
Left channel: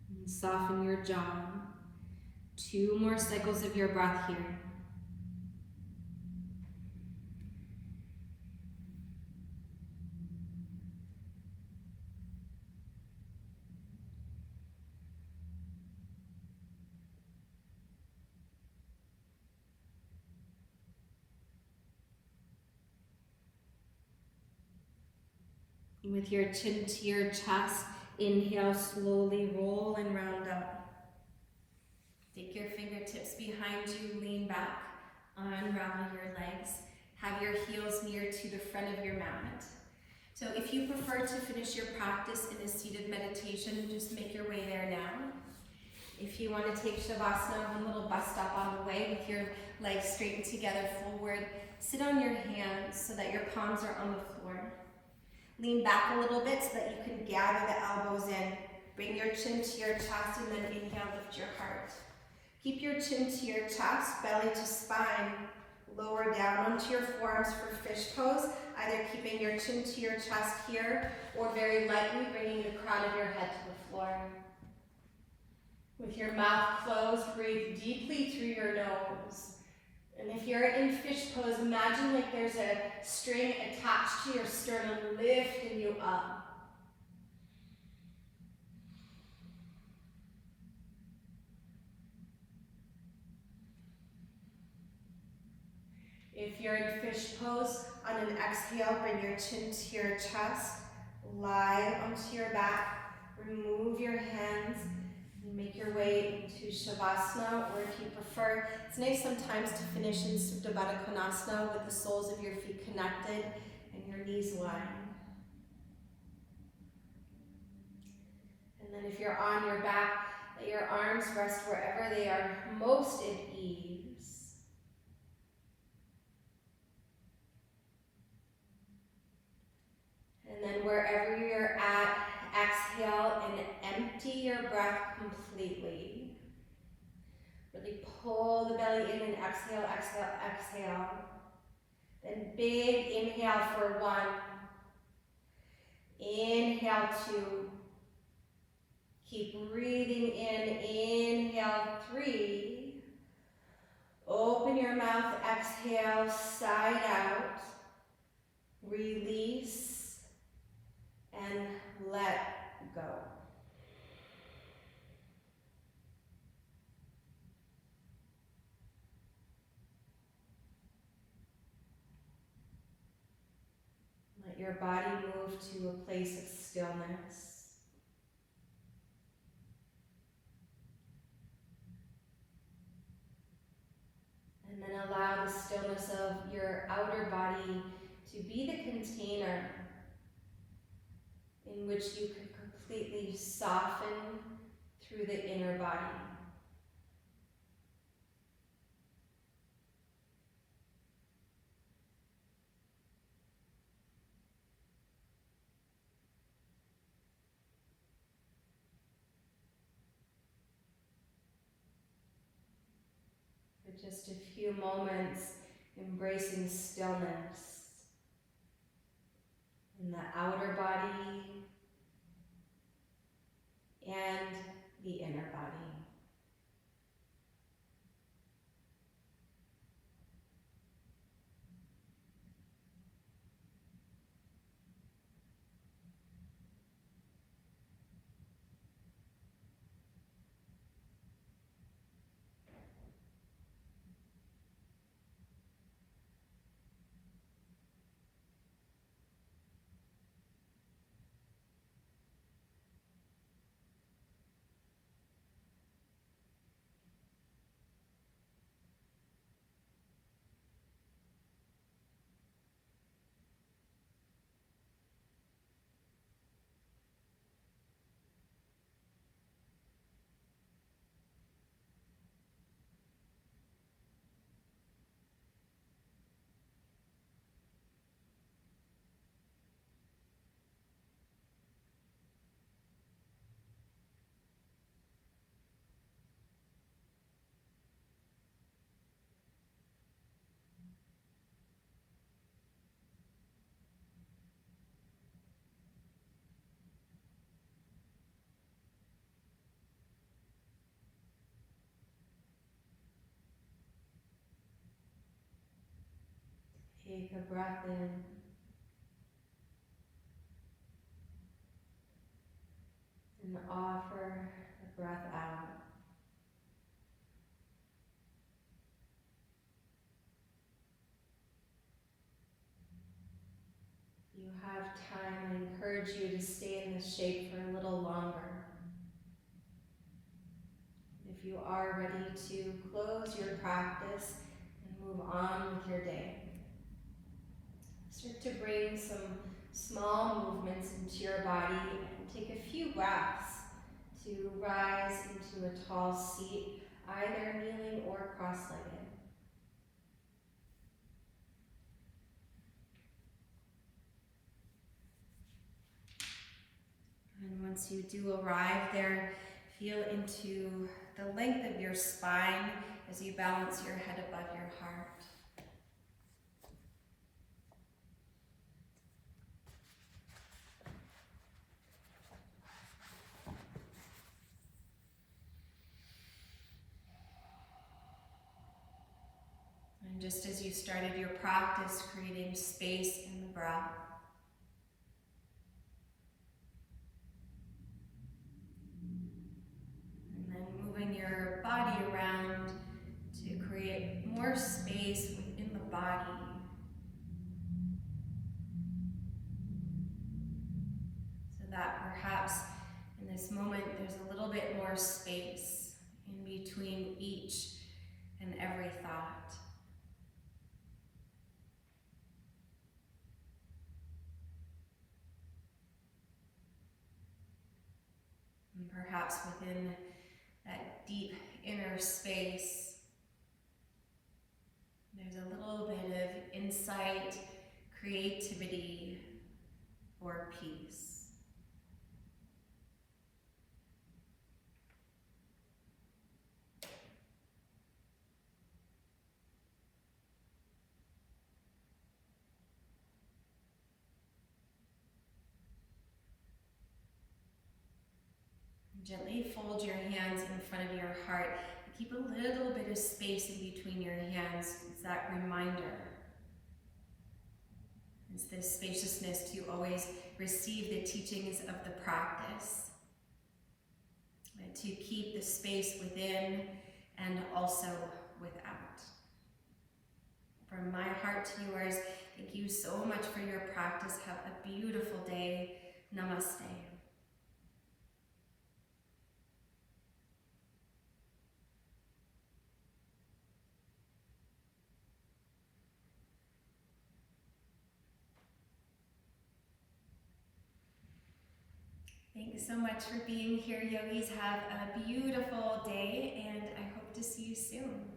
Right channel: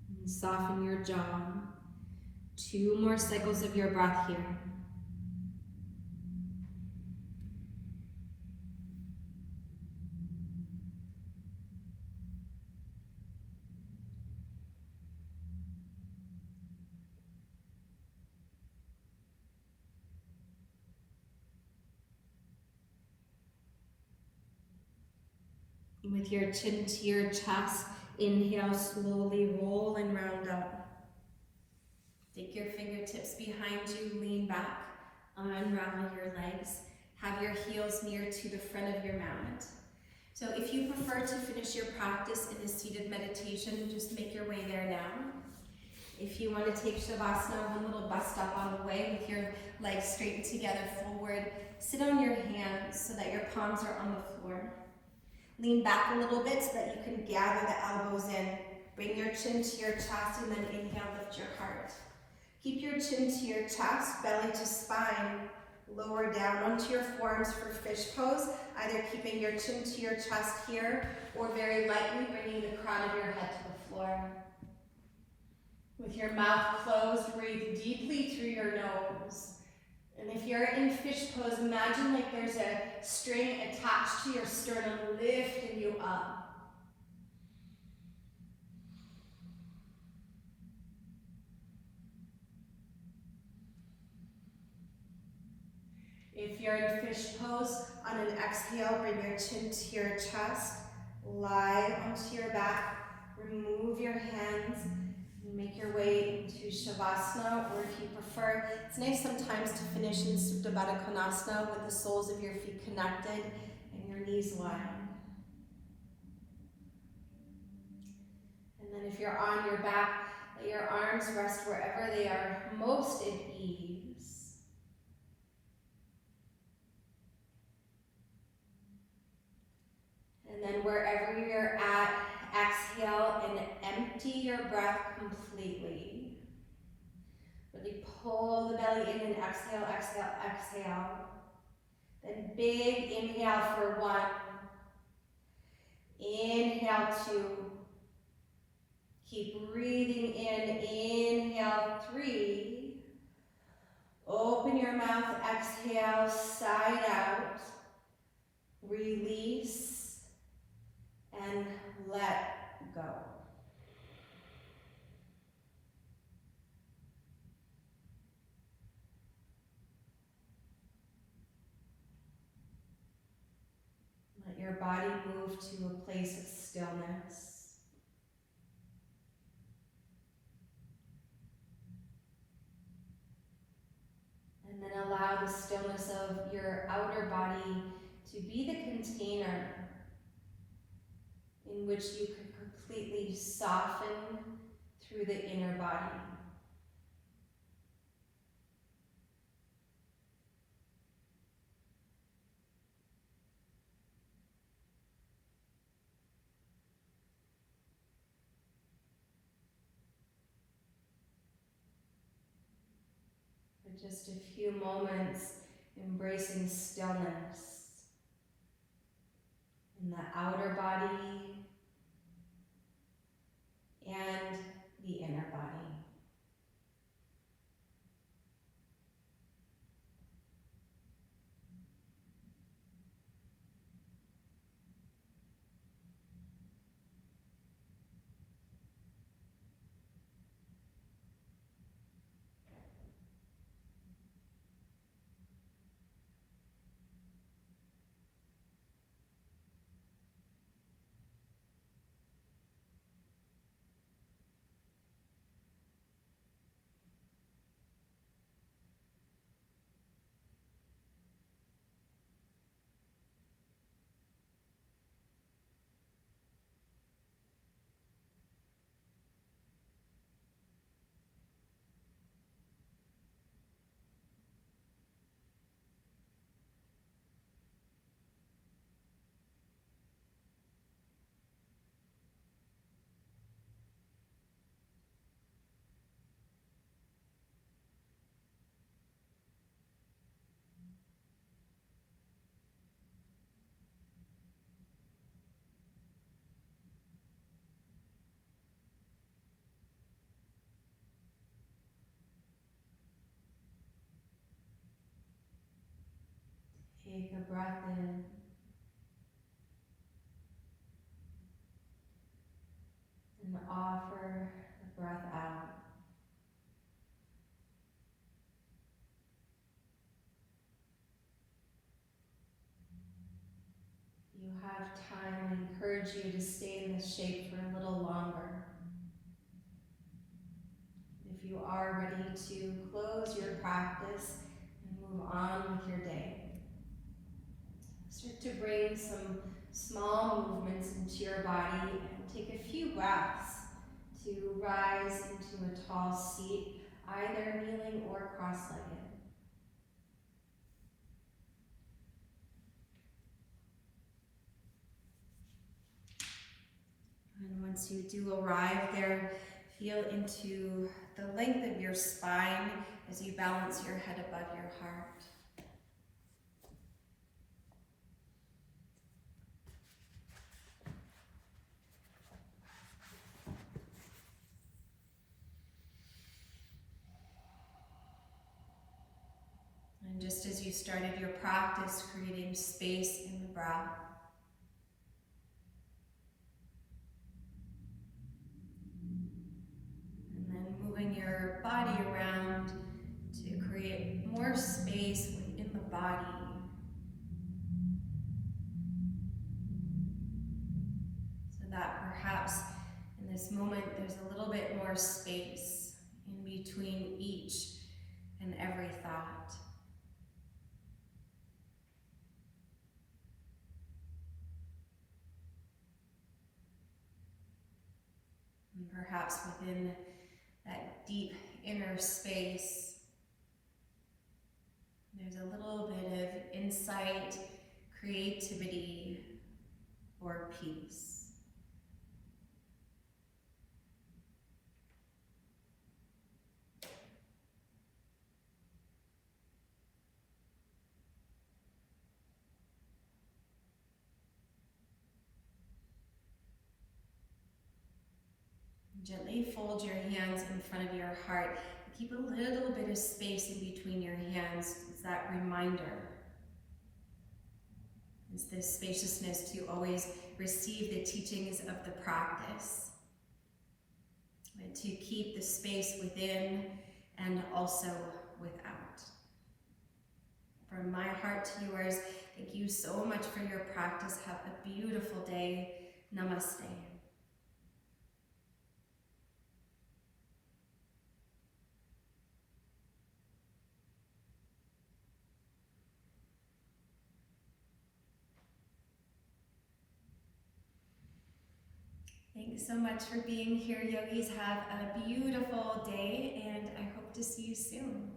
and soften your jaw. 2 more cycles of your breath here. With your chin to your chest, Inhale, slowly roll and round up. Take your fingertips behind you, lean back, unravel your legs. Have your heels near to the front of your mat. So if you prefer to finish your practice in a seated meditation, just make your way there now. If you want to take Shavasana, one little bus stop on the way with your legs straightened together forward, sit on your hands so that your palms are on the floor. Lean back a little bit so that you can gather the elbows in. Bring your chin to your chest and then inhale, lift your heart. Keep your chin to your chest, belly to spine. Lower down onto your forearms for fish pose, either keeping your chin to your chest here or very lightly bringing the crown of your head to the floor. With your mouth closed, breathe deeply through your nose. And if you're in fish pose, imagine like there's a string attached to your sternum, lifting you up. If you're in fish pose, on an exhale, bring your chin to your chest, lie onto your back, remove your hands, and make your way into Shavasana, or if you prefer, it's nice sometimes to finish in Supta Baddha Konasana with the soles of your feet connected and your knees lined. And then if you're on your back, let your arms rest wherever they are most at ease. And then wherever you're at, exhale and empty your breath completely. Really pull the belly in and exhale, exhale, exhale. Then big inhale for 1. Inhale 2. Keep breathing in, inhale 3. Open your mouth, exhale, side out. Release. And let go. Let your body move to a place of stillness. And then allow the stillness of your outer body to be the container in which you can completely soften through the inner body. For just a few moments, embracing stillness in the outer body and the inner body. Take a breath in. And offer a breath out. If you have time, I encourage you to stay in this shape for a little longer. If you are ready to close your practice and move on with your day, start to bring some small movements into your body and take a few breaths to rise into a tall seat, either kneeling or cross-legged. And once you do arrive there, feel into the length of your spine as you balance your head above your heart. And just as you started your practice, creating space in the breath, and then moving your body around to create more space within the body. So that perhaps in this moment there's a little bit more space in between each and every thought. And perhaps within that deep inner space, there's a little bit of insight, creativity, or peace. Gently fold your hands in front of your heart. Keep a little bit of space in between your hands as that reminder. It's this spaciousness to always receive the teachings of the practice. And to keep the space within and also without. From my heart to yours, thank you so much for your practice. Have a beautiful day. Namaste. Thanks so much for being here, yogis. Have a beautiful day, and I hope to see you soon.